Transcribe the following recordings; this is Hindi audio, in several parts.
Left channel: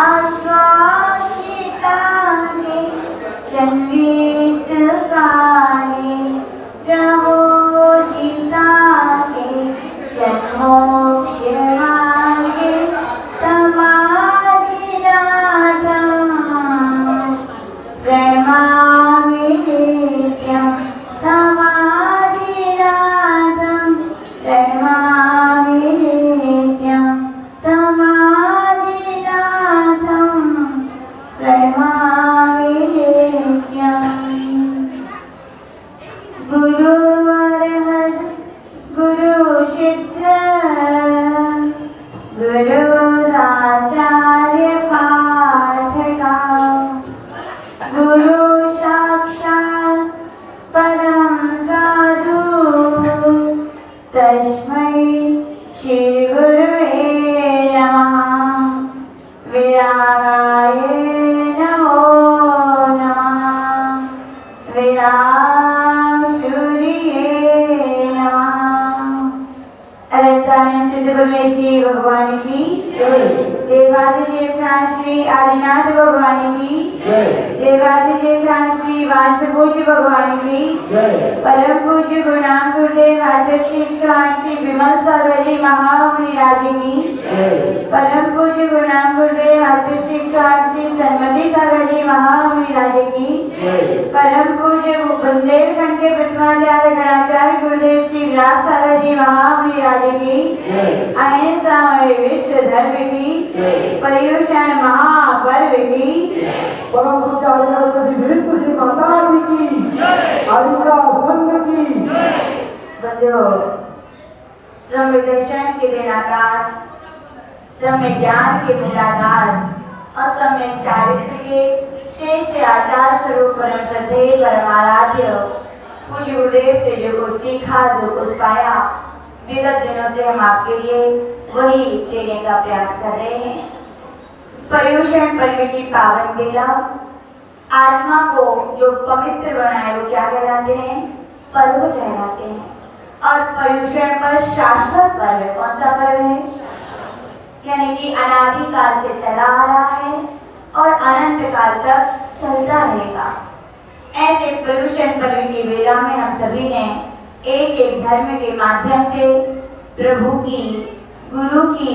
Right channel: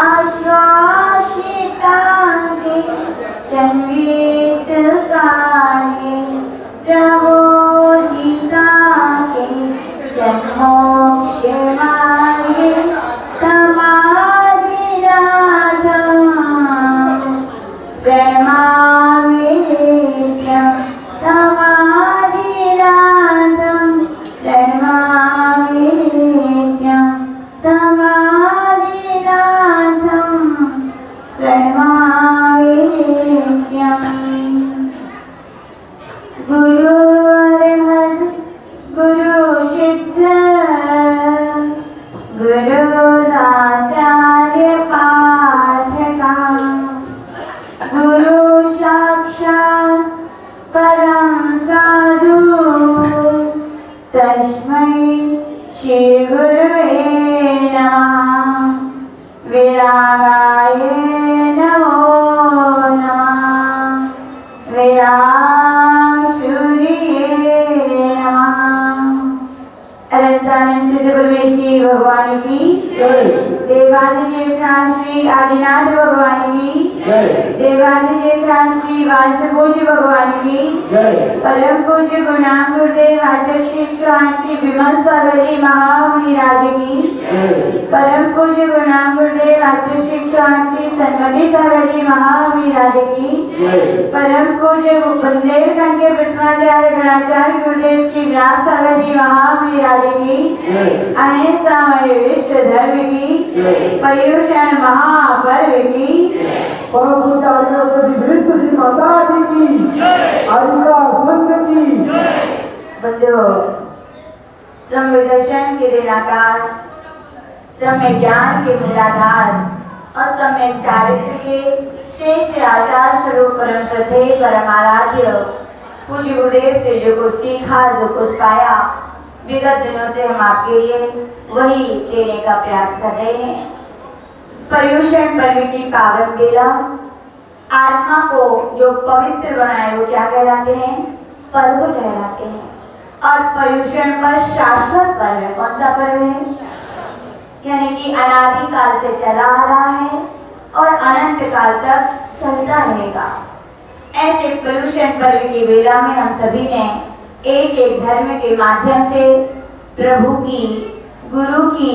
आश्वासितांगे जन्वित काले प्रबोधितांगे जन्मोक्ष मार्गे समाधिनाथं प्रणमामि नित्यं समाधिनाथं प्रणमामि नित्यं समाधिनाथं प्रणमामि नित्यं। गुरु अरहत गुरु सिद्ध गुरुराचार्य पाठका गुरु साक्षात् परम साधु तस्मै श्री गुरुवे नमः। विरागाय नमो नमः। विरागशून्ये नमः। अनंतानंद सिद्ध परमेश्वरी भगवान की जय। देवादिदेव श्री आदिनाथ भगवान की जय। देवादिदेव श्री वासुपूज्य भगवान की जय। परम पूज्य गुरुनाम गुरुदेव आचार्य स्वामी श्री विमल सागर जी महामुनि राज की जय। परम पूज्य गुरुनाम गुरुदेव आचार्य स्वामी श्री सन्मति सागर जी महामुनि राज की जय। परम पूज्य बुंदेलखंड के प्रथमाचार्य गणाचार्य गुरुदेव श्री विलास सागर जी महामुनि राज की जय। अहिंसा विश्व धर्म की जय। पर्युषण महापर्व की परम पूज्य विरुद्ध श्री माता जी की आदिका संघ की बंधुओं, समय दर्शन के दिनाकार, समय ज्ञान के मूलाधार और समय चारित्र के श्रेष्ठ आचार स्वरूप परम श्रद्धेय परम आराध्य पूज्य गुरुदेव से जो कुछ सीखा, जो कुछ पाया, विगत दिनों से हम आपके लिए वही देने का प्रयास कर रहे हैं। पर्युषण पर्व की पावन बेला आत्मा को जो पवित्र बनाए वो क्या कहलाते हैं? पर्व कहलाते हैं। और पर्युषण पर शाश्वत पर्व है। कौन सा पर्व है? यानी कि अनादिकाल से चला आ रहा है और अनंत काल तक चलता रहेगा। ऐसे पर्युषण पर्व की बेला में हम सभी ने एक एक धर्म के माध्यम से प्रभु की, गुरु की,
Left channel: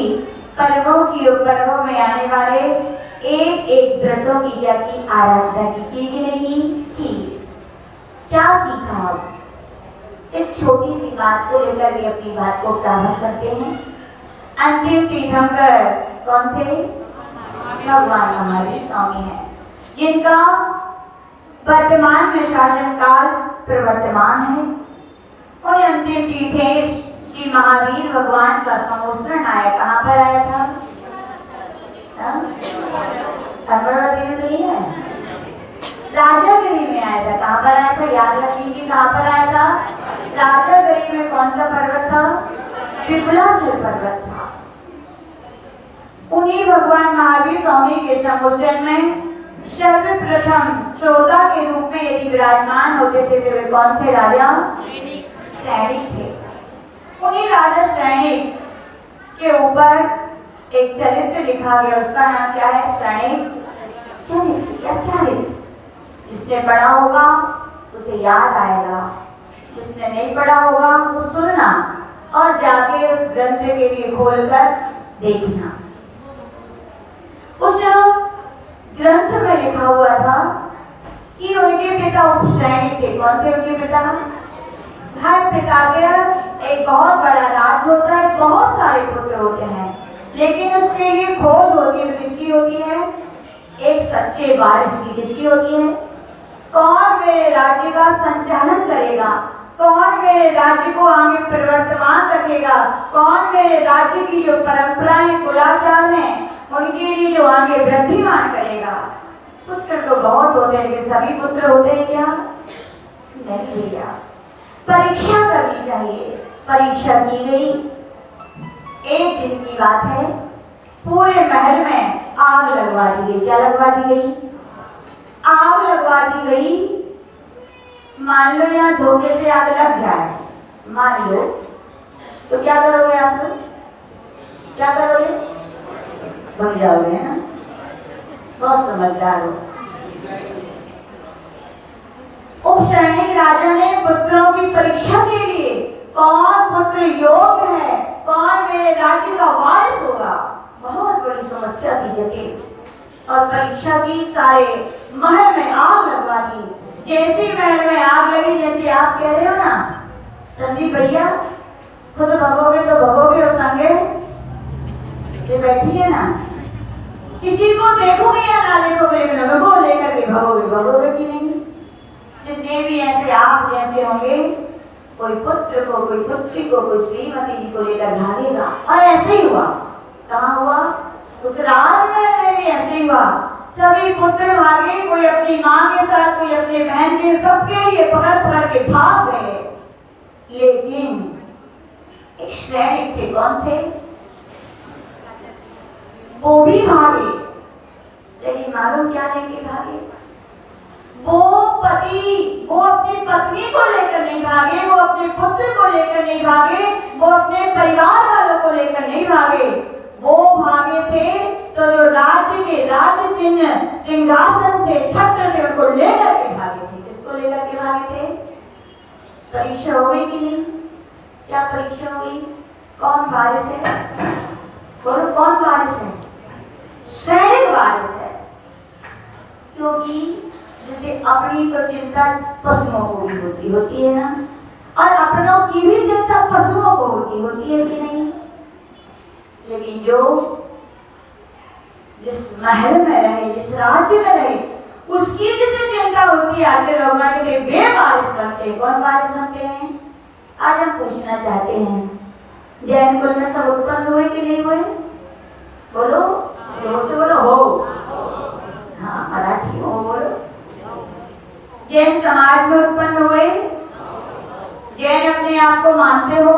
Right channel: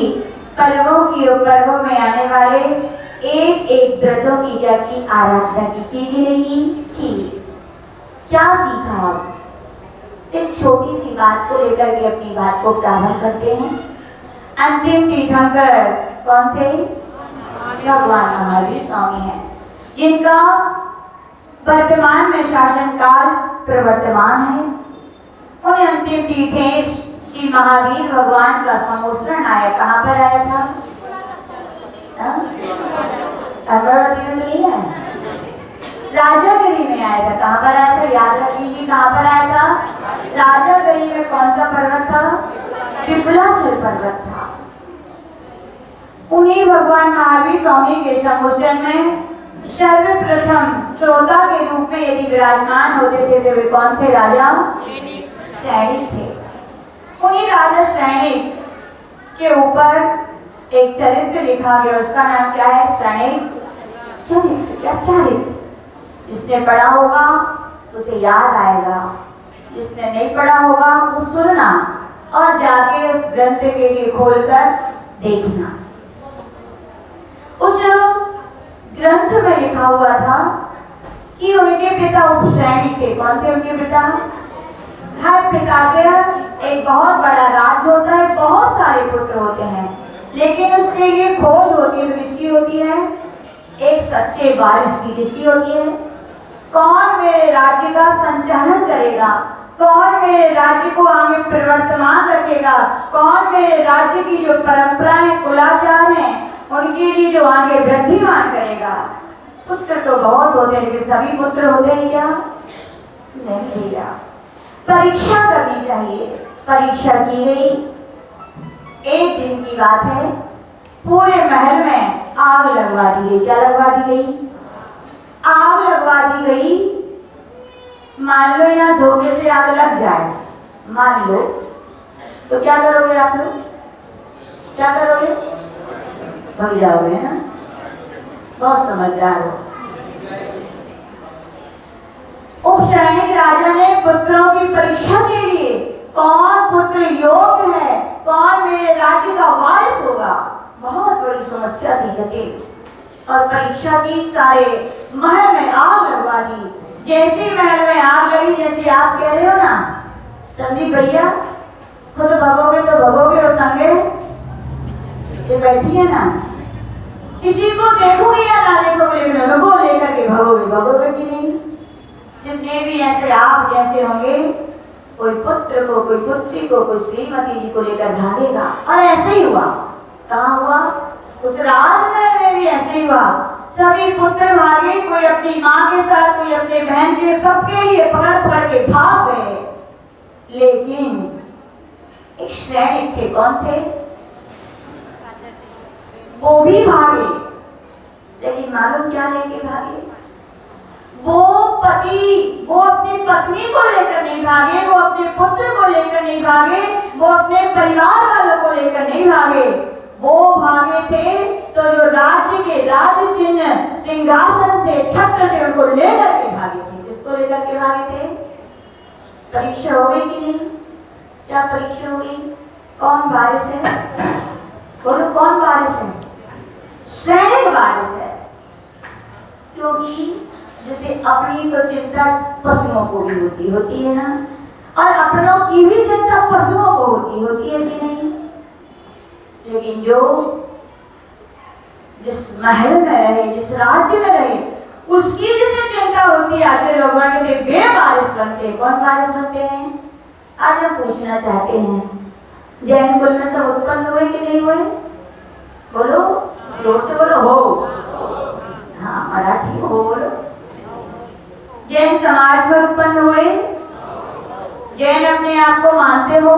पर्वों की और पर्वों में आने वाले एक एक व्रतों की क्या की आराधना की गिरेगी की। क्या सीखा हम? एक छोटी सी बात को लेकर के अपनी बात को प्रारंभ करते हैं। अंतिम तीर्थंकर कौन थे? भगवान महावीर स्वामी हैं, जिनका वर्तमान में शासन काल प्रवर्तमान है। उन अंतिम तीर्थेश श्री महावीर भगवान का समुद्रण आया। कहाँ पर आया था? अमरावती में तो नहीं है, राजागिरी में आया था। कहाँ पर आया था? याद रखिए, कहाँ पर आया था? राजागिरी में। कौन सा पर्वत था? विपुलाचल पर्वत था। उन्हीं भगवान महावीर स्वामी के समुद्रण में सर्वप्रथम श्रोता के रूप में यदि विराजमान होते थे तो वे कौन थे? राजा सैनिक थे। उन्हीं राजा सैनिक के ऊपर एक चरित्र लिखा गया, उसका नाम क्या है? सैनिक चरित्र। जिसने पढ़ा होगा उसे याद आएगा, जिसने नहीं पढ़ा होगा वो सुनना और जाके उस ग्रंथ के लिए खोलकर देखना। उस ग्रंथ में लिखा हुआ था कि उनके पिता उपसैनिक थे। कौन थे उनके पिता? हर पिता के एक बहुत बड़ा राज्य होता है, बहुत सारे पुत्र होते हैं, लेकिन उसके लिए खोज होती है। तो किसकी होती है? एक सच्चे वारिस की। जिसकी होती है? कौन मेरे राज्य का संचालन करेगा, कौन मेरे राज्य को आगे प्रवर्तमान रखेगा, कौन मेरे राज्य की जो परंपराएं कुलाचार हैं उनके लिए जो आगे वृद्धिमान करेगा। पुत्र तो बहुत होते हैं, लेकिन सभी पुत्र होते हैं क्या? नहीं भैया। परीक्षा करनी चाहिए। परीक्षा की गई। एक दिन की बात है, पूरे महल में आग लगवा दी गई। क्या लगवा दी गई? आग लगवा दी गई। मान लो यहाँ धोखे से आग लग जाए, मान लो, तो क्या करोगे आप लोग? क्या करोगे? भग जाओगे ना, बहुत समझदार हो। उस सैनिक राजा ने पुत्रों की परीक्षा के लिए कौन पुत्र योग्य है, कौन मेरे राज्य का वारिस होगा, बहुत बड़ी समस्या थी जटिल। और परीक्षा की, सारे महल में आग लगवा दी। जैसी महल में आग लगी, जैसे आप कह रहे हो ना तभी भैया तो भगोगे और संगे ये बैठी है ना, किसी को देखोगे या ना देखोगे लेकिन उनको लेकर के भगोगे कि नहीं। जितने भी ऐसे आप जैसे होंगे, कोई पुत्र को, कोई पुत्री को, कोई श्रीमती जी को लेकर भागेगा। और ऐसे ही हुआ। कहाँ हुआ? उस राजमहल में भी ऐसे ही हुआ। सभी पुत्र भागे, कोई अपनी माँ के साथ, कोई अपने बहन के, सबके लिए पकड़ के भाग गए। लेकिन एक सैनिक थे, कौन थे? वो भी भागे, लेकिन मालूम क्या लेके भागे? वो पति, वो अपनी पत्नी को लेकर नहीं भागे, वो अपने पुत्र को लेकर नहीं भागे, वो अपने परिवार वालों को लेकर नहीं भागे। वो भागे थे तो जो राज्य के राज्य चिन्ह, सिंहासन से छत्र थे, उनको लेकर के भागे थे। किसको लेकर के भागे थे? परीक्षा हो गई कि नहीं? क्या परीक्षा हुई? कौन वारिस है? बोलो, कौन वारिस है? सैनिक वारिस है। क्योंकि जैसे अपनी तो चिंता पशुओं को भी होती है ना, और अपनों की भी चिंता पशुओं को होती है कि नहीं। लेकिन जो जिस महल में रहे, जिस राज्य में रहे, उसकी जिसे चिंता होती है, आज लोग वे वारिस बनते हैं। कौन वारिस बनते हैं? आज हम पूछना चाहते हैं, जैन कुल में सब उत्पन्न हुए कि नहीं हुए? बोलो, जोर से बोलो। हो। हाँ, मराठी में हो बोलो। जैन समाज में उत्पन्न हुए? जैन अपने आप को मानते हो?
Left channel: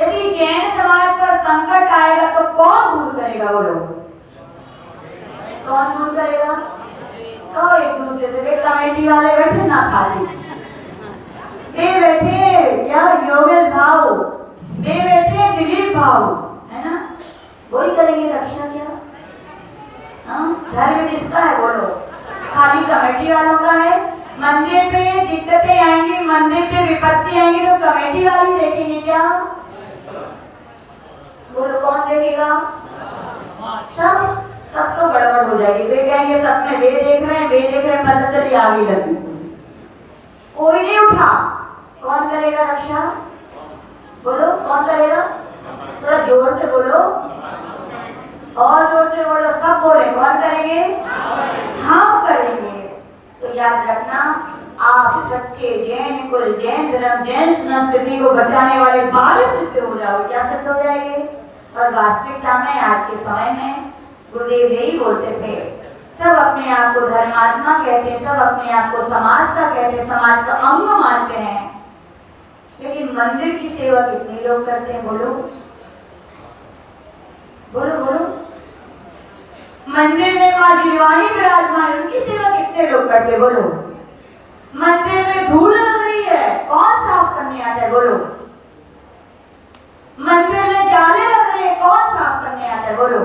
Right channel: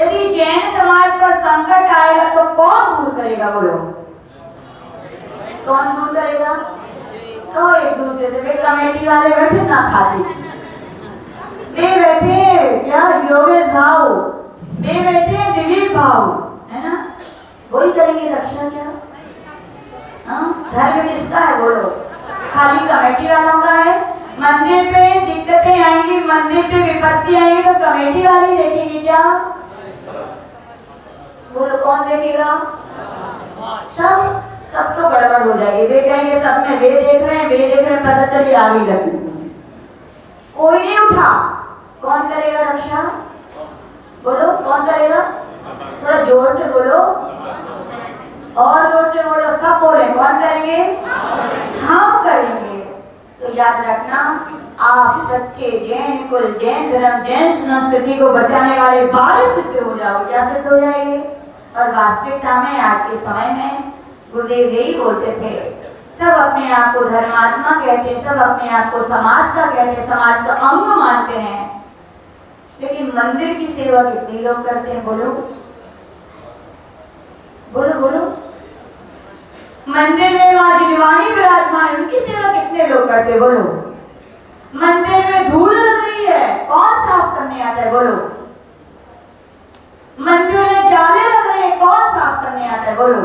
यदि जैन समाज पर संकट आएगा तो कौन दूर करेगा? बोलो, कौन दूर करेगा? तो एक दूसरे से, वे कमेटी वाले बैठे ना खाली, वे बैठे क्या योगेश भाव, वे बैठे दिलीप भाव, है ना, वही करेंगे रक्षा। क्या धर्म किसका है? बोलो, खाली कमेटी वालों का है। मंदिर पे दिक्कतें आएंगी, मंदिर पे विपत्ति आएंगी तो कमेटी वाली देखेंगे क्या? बोलो, कौन देखेगा? सब तो गड़बड़ हो जाएगी। वे कहेंगे सब में वे देख रहे हैं, पता चली आगे लगी, कोई नहीं उठा। कौन करेगा रक्षा? बोलो, कौन करेगा? थोड़ा जोर से बोलो, और जोर से बोलो, सब बोले। कौन करेंगे? हम करेंगे। तो याद रखना, आप सच्चे जैन कुल, जैन धर्म, जैन संस्कृति को बचाने वाले वारिस सिद्ध हो जाओ। क्या सिद्ध हो जाएंगे? और वास्तविकता में आज के समय में गुरुदेव यही बोलते थे, सब अपने आप को धर्मात्मा कहते, सब अपने आप को समाज का कहते, समाज का अंग मानते हैं। लेकिन मंदिर की सेवा कितने लोग करते हैं? बोलो बोलो बोलो। मंदिर में वहां जिलवानी विराजमान, उनकी सेवा कितने लोग करते? बोलो। मंदिर में धूल लग रही है, कौन साफ करने आता है? बोलो। मंदिर में जाले लग रहे हैं, कौन साफ करने आता है? बोलो।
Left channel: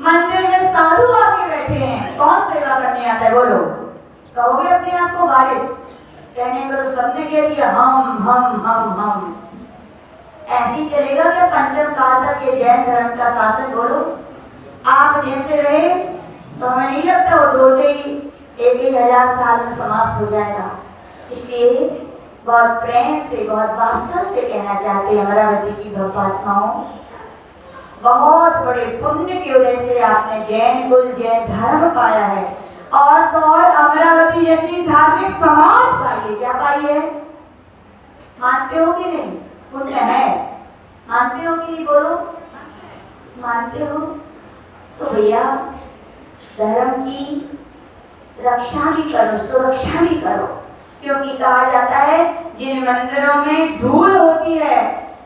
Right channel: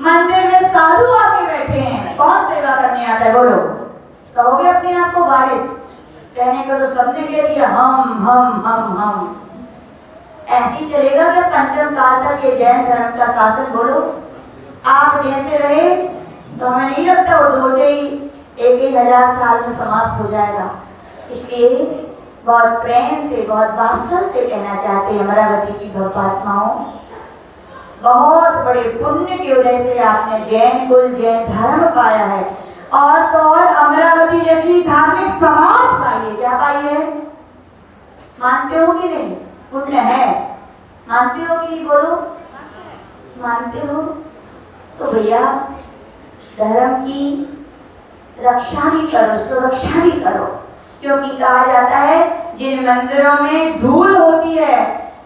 मंदिर में साधु आके बैठे हैं, कौन सेवा करने आता है? बोलो। कहोगे अपने आप को वारिस? कहने को तो सबने कह दिया, हम। ऐसी चलेगा कि पंचम काल तक ये जैन धर्म का शासन? बोलो, आप जैसे रहे तो हमें नहीं लगता वो 2-1,000 साल में समाप्त हो जाएगा। इसलिए बहुत प्रेम से, बहुत वात्सल्य से कहना चाहते हैं अमरावती की भक्तात्माओं, बहुत बड़े पुण्य की वजह से आपने जैन कुल, जैन धर्म पाया है, और तो और अमरावती जैसी धार्मिक समाज पाई है। क्या पाई है? मानते हो कि नहीं? पुण्य है, मानते हो कि नहीं? बोलो, मानते हो? तो भैया धर्म की रक्षा भी करो, सुरक्षा भी करो, क्योंकि कहा जाता है जिन मंदिरों में धूल होती है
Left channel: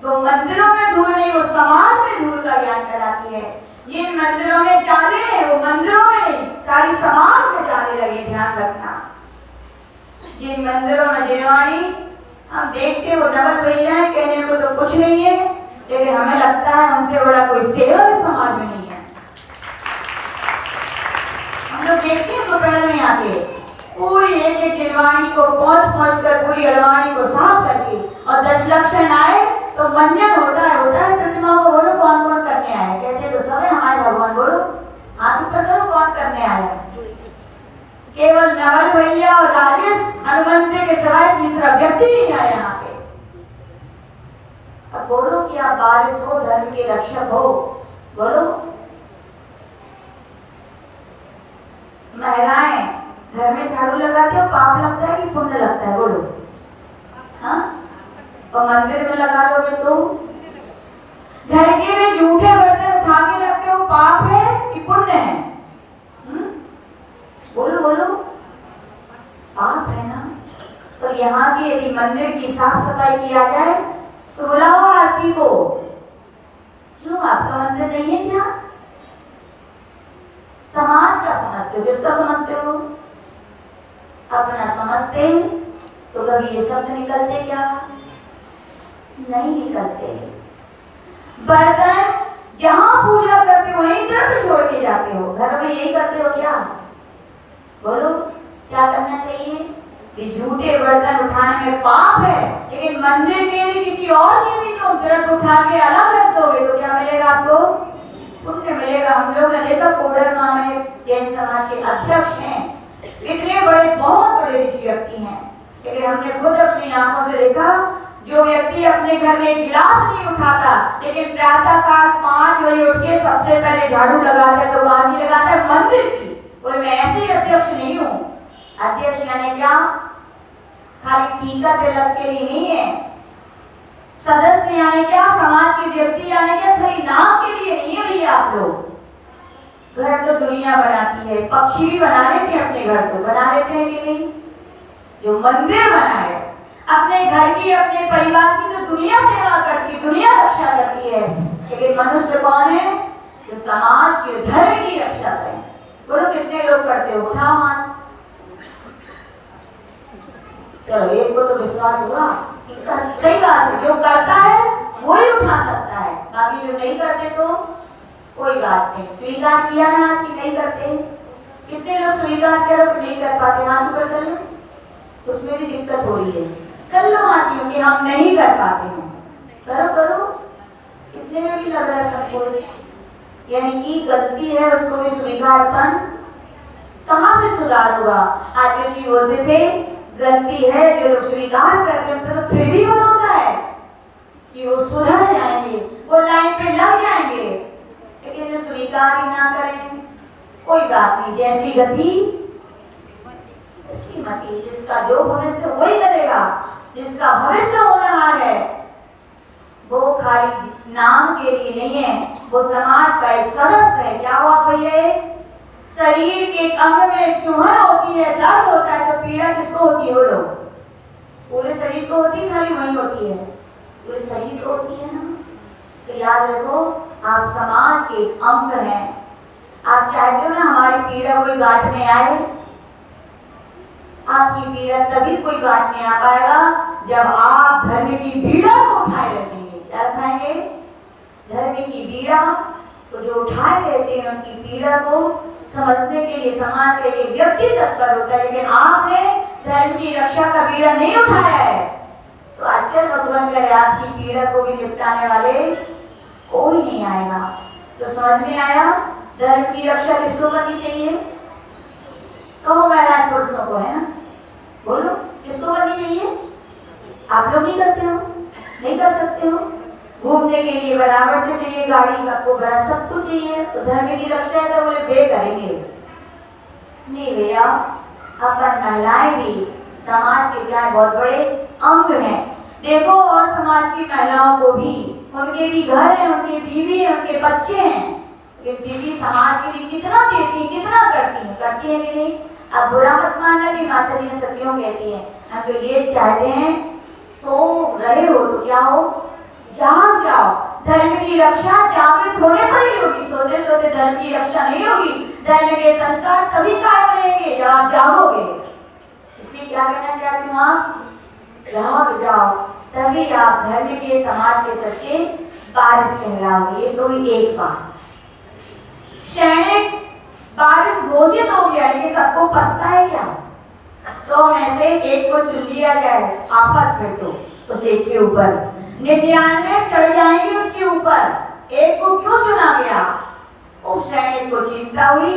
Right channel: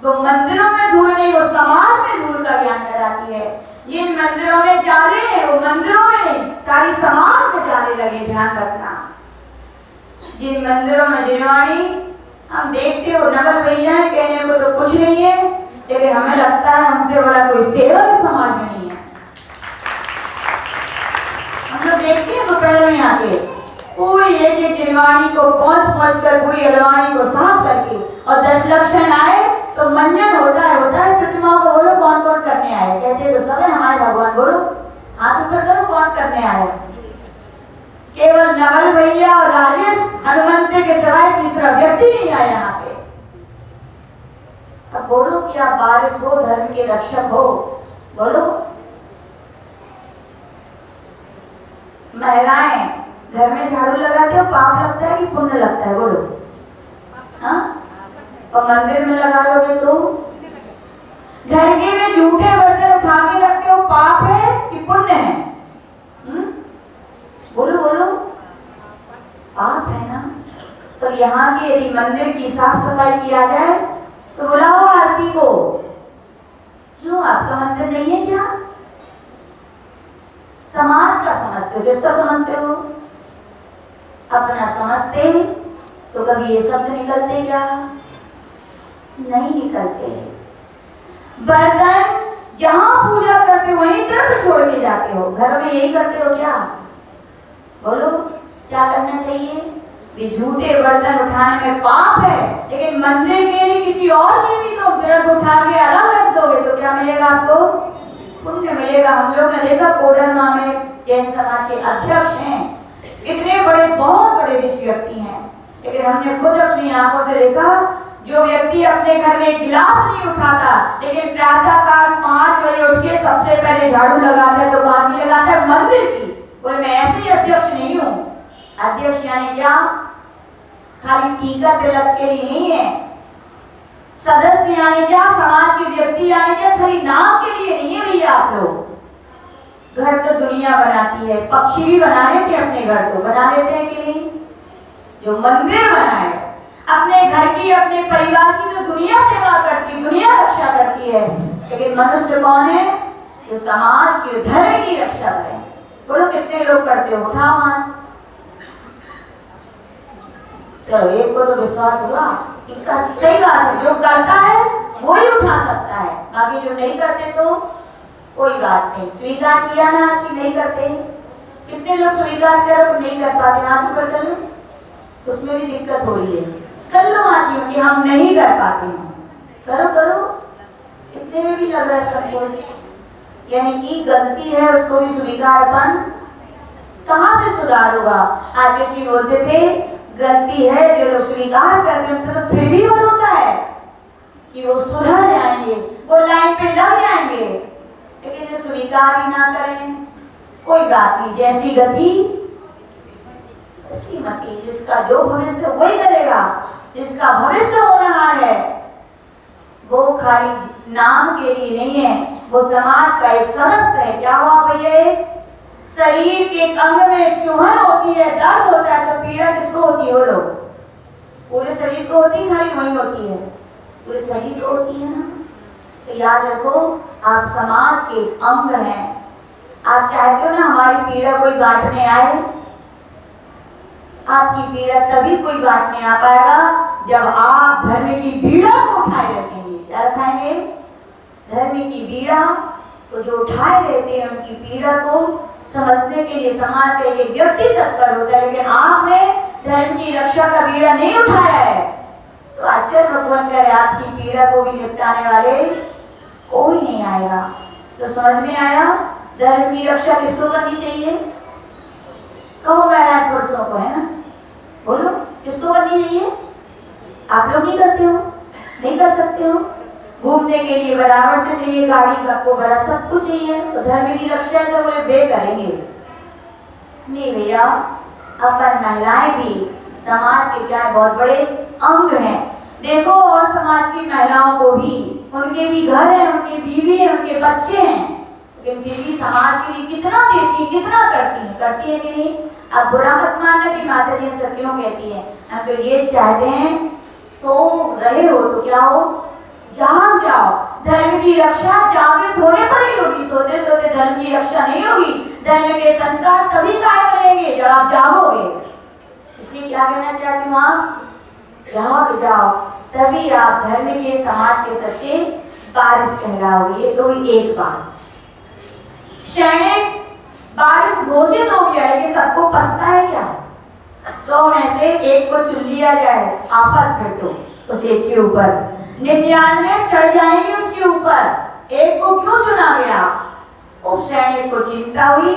वो मंदिरों में धूल नहीं, वो समाज में धूल का ज्ञान कराती है। जिन मंदिरों में जाले हैं वो मंदिरों में नहीं, सारी समाज में जाले लगे। ध्यान रखना, जिन मंदिरों में जिलवानी, हम देखते हो नगर भैया कहने को तो कुछ नहीं है, लेकिन हमें लगता है उनसे बड़ा कोई सेवक समाज में नहीं है। लक्षण आए तो मंजन होता है प्रतिमाओं को बोलो कौन कौन करने आए, कहते तो सब है हमारे भगवान, बोलो हाथ ऊपर करो कौन करने आया। केवल नवल भैया और राजेश हनुमंत के सिवाय तीसरा व्यक्ति नहीं आया यहाँ पे। अब बोलो कि आप वारिस हो, धर्म के रक्षक हो, बोलो। महिलाएं घर में झाड़ू लगाते हो, पाप लगता है कि पुण्य लगता है, बोलो। हाँ, और मंदिर में लगा लोगे तो घर के में झूठे बर्तन उठा के रखते हो, पाप है कि पुण्य है? बोलो बोलो, पाप है ना। तो यहाँ की यदि मंदिर की साफ सफाई किया जाए तो बुलाओ आरती को। क्यों आपका मंदिर नहीं है क्या? समाज का समझते हो, किसका समझते हो? अपना समझते तो कभी ये शब्द निकलते क्या? नहीं निकलते। बर्तन जहां पूजा करते हो वहीं तरफ छोड़ के जाते हो, घर में यही करते हो क्या? बोलो क्या करना चाहिए? भी झूठे बर्तन उठाने में पाप है, लेकिन मंदिर के लिए किसी और के भी तो तरफ उठा के अलग रख दोगे तो क्या मिलेगा आपको? पुण्य मिलेगा। हम लोग ने देखा कोडरमा में जैन समाज के अध्यक्ष हैं, इतने बड़े बहुत बड़े रिच व्यक्ति हैं, लेकिन हमने खुद अपनी आंखों से देखा जो व्यक्ति अपने घर में गिलास नहीं उठाता लेकिन प्रातः काल 5 बजे उठ के सबसे पहले झाड़ू लगाता है तो बाकी लगाता है मंदिर की। बोले मैं ऐसे ही अध्यक्ष नहीं हूँ। अध्यक्ष यानी क्या? खाली टीका तिलक के लिए नहीं है। सदस्य यानी क्या? समाज के व्यक्ति यानी क्या? खाली नाम के लिए नहीं है भैया। आप लोग घर तो दुनिया बनाती है, पक्षी भी बना लेते हैं अपने घर, तो बना लेते हैं कि नहीं? जो मंदिर बना है अपने घर की अपने परिवार की तो दुनिया सेवा करती, दुनिया रक्षा करती है, लेकिन मनुष्य कौन है? जो समाज के धर्म की रक्षा करे। बोलो कितने लोग करते हो? उठाओ हाथ। चलो एक को तो विश्वास हुआ कि सही बात है, जो करता है वो ही उठा सकता है, बाकी जो नहीं करते तो कोई बात नहीं। स्वीकार किया ना आज की नहीं करते। कितने लोग स्वीकार करो नहीं कर पाते? हाथ ऊपर कर लो, उसमें भी दिक्कत हो रही है। कर लो हाथ ऊपर कि हम नहीं कर पाते हैं, करो करो। कितने में भी लग रहा है सब, यानी कि गलती है उसको भी स्वीकार अपन कहाँ से सुधार होगा? आज किसी बोलते थे गलती है, जो लोग स्वीकार करते हैं तो फिर भी भरोसा है कि वो सुधर जाएंगे, वो लाइन पे लग जाएंगे, लेकिन जो स्वीकार ही ना करें कोई बात नहीं, जैसी गति ऐसी मति। जिसका जो भविष्य वही करेगा, जिसका भविष्य होना है वो खाली नाम के लिए नहीं है, वो समाज का एक सदस्य है। क्या हुआ भैया? शरीर के अंग में चुभन होती है, दर्द होता है, तो पीड़ा किसको होती है? वो लोग पूरे शरीर को होती है, खाली वही होती है? पूरे शरीर को होती है ना। तो याद रखो आप समाज के अंग हैं। आप चाहते हो ना हमारी पीड़ा कोई बांटने आए? आपकी पीड़ा तभी कोई बांटने आ पाएगा जब आप धर्म की पीड़ा को उठाए रखेंगे। क्या रखाएंगे? धर्म की पीड़ा। तो जो उठाए रहते हैं उनकी पीड़ा को समझने के लिए समाज के एक व्यक्ति तत्पर होता है, लेकिन आपने धर्म की रक्षा का पीड़ा नहीं उठाया है तो अच्छा भगवान करे आपकी पीड़ा को भी निपटाने वाले कोई नहीं आएगा। तो समझ में आया धर्म की रक्षा किसको करनी चाहिए? कहो महाराज पुरुषों को, है ना? बोलो किसको करनी चाहिए? आप लोग नहीं करते हो, नहीं कर सकते हो। घूमने के लिए बराबर से चाहिए, गाड़ी का को बड़ा सब कुछ चाहिए, तो धर्म की रक्षा है तो बोले बे करेंगे नहीं भैया। अपन महिलाएं भी समाज के क्या बहुत बड़े अंग हैं। देखो और समाज की महिलाओं को भी, उनके भी घर है, उनकी बीवी है, उनके बच्चे हैं, लेकिन फिर भी समाज के लिए कितना देती, कितना करती है कि नहीं? आप बुरा मत मानना कि माता जी सब क्यों कहती हैं। हम तो ये चाहते हैं सो रहे हो तो क्या हो, जाग जाओ। धर्म की रक्षा जागृत होने पर ही होगी, सोते सोते धर्म की रक्षा नहीं होगी। धर्म के संस्कार तभी कायम रहेंगे जब आप जागोगे। इसलिए क्या कहना चाहती हूँ? आप जाग जाओ, तभी आप धर्म के समाज के सच्चे वारिस कहलाओगे। ये तो ही एक बात। सैनिक वारिस घोषित हो गया, लेकिन सबको पछता है क्या? 100 में से एक को चुन लिया जाए, आफत फिर तो उस एक के ऊपर 99 चढ़ जाएंगे उसके ऊपर, एक को क्यों चुना गया? उस सैनिक को चिंता हुई,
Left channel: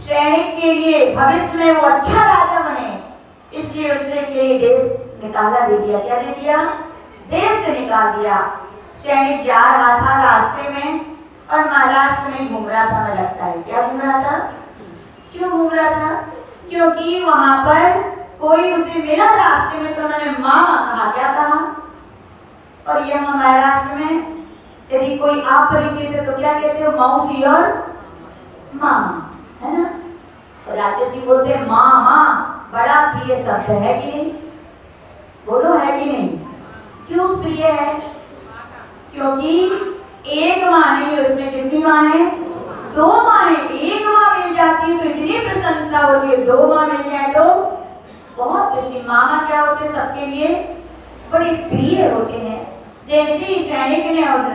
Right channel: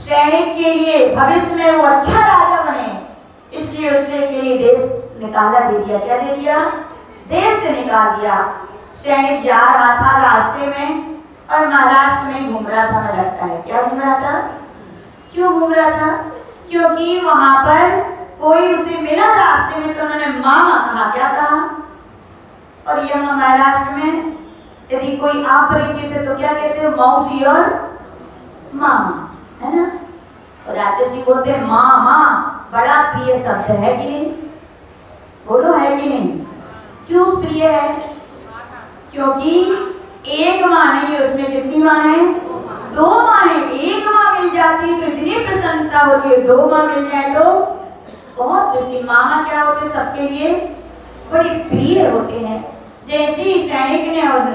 सैनिक के लिए भविष्य में वो अच्छा राजा बने, इसलिए उसने के लिए देश निकाला दे दिया। क्या दे दिया? देश से निकाल दिया। सैनिक जा रहा था रास्ते में और महाराष्ट्र में घूम रहा था, हमें लगता है। क्या घूम रहा था? क्यों घूम रहा था? क्योंकि वहां पर कोई उसे मिला रास्ते में, तो उन्होंने मामा कहा। क्या कहा? और यहाँ महाराष्ट्र में यदि कोई अपरिचित है तो क्या कहते हैं? मौसी और मामा, है ना? और राजसी बोलते हैं मामा, बड़ा प्रिय शब्द है कि नहीं? बोलो, है कि नहीं? क्यों प्रिय है? क्योंकि एक माँ नहीं है उसमें, कितनी माँ है? 2 माँ है। एक माँ मिल जाती तो इतनी प्रसन्नता होती है, 2 माँ मिल जाए तो बहुत खुशी। मामा क्या होते हैं? सबके लिए बड़ी प्रिय होते हैं। जैसे ही सैनिक ने और